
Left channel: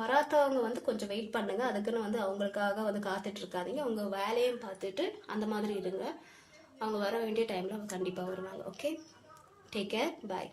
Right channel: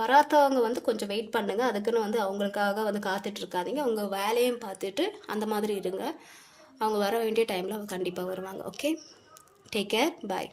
வராதவங்க வந்து கொஞ்சம் வெயிட் பண்ணுங்கள், அதுக்குன்னு வந்து அவங்களுக்காக வந்து காத்துட்ருக்காதீங்க. உங்கள் வேலையும் பார்த்துட்டு அந்த மாதிரி இருங்க. அவங்க வர வேண்டிய டைமில் அவங்க கண்டிப்பாக வருவாங்க, ஓகே? டேக் கேர், பாய்.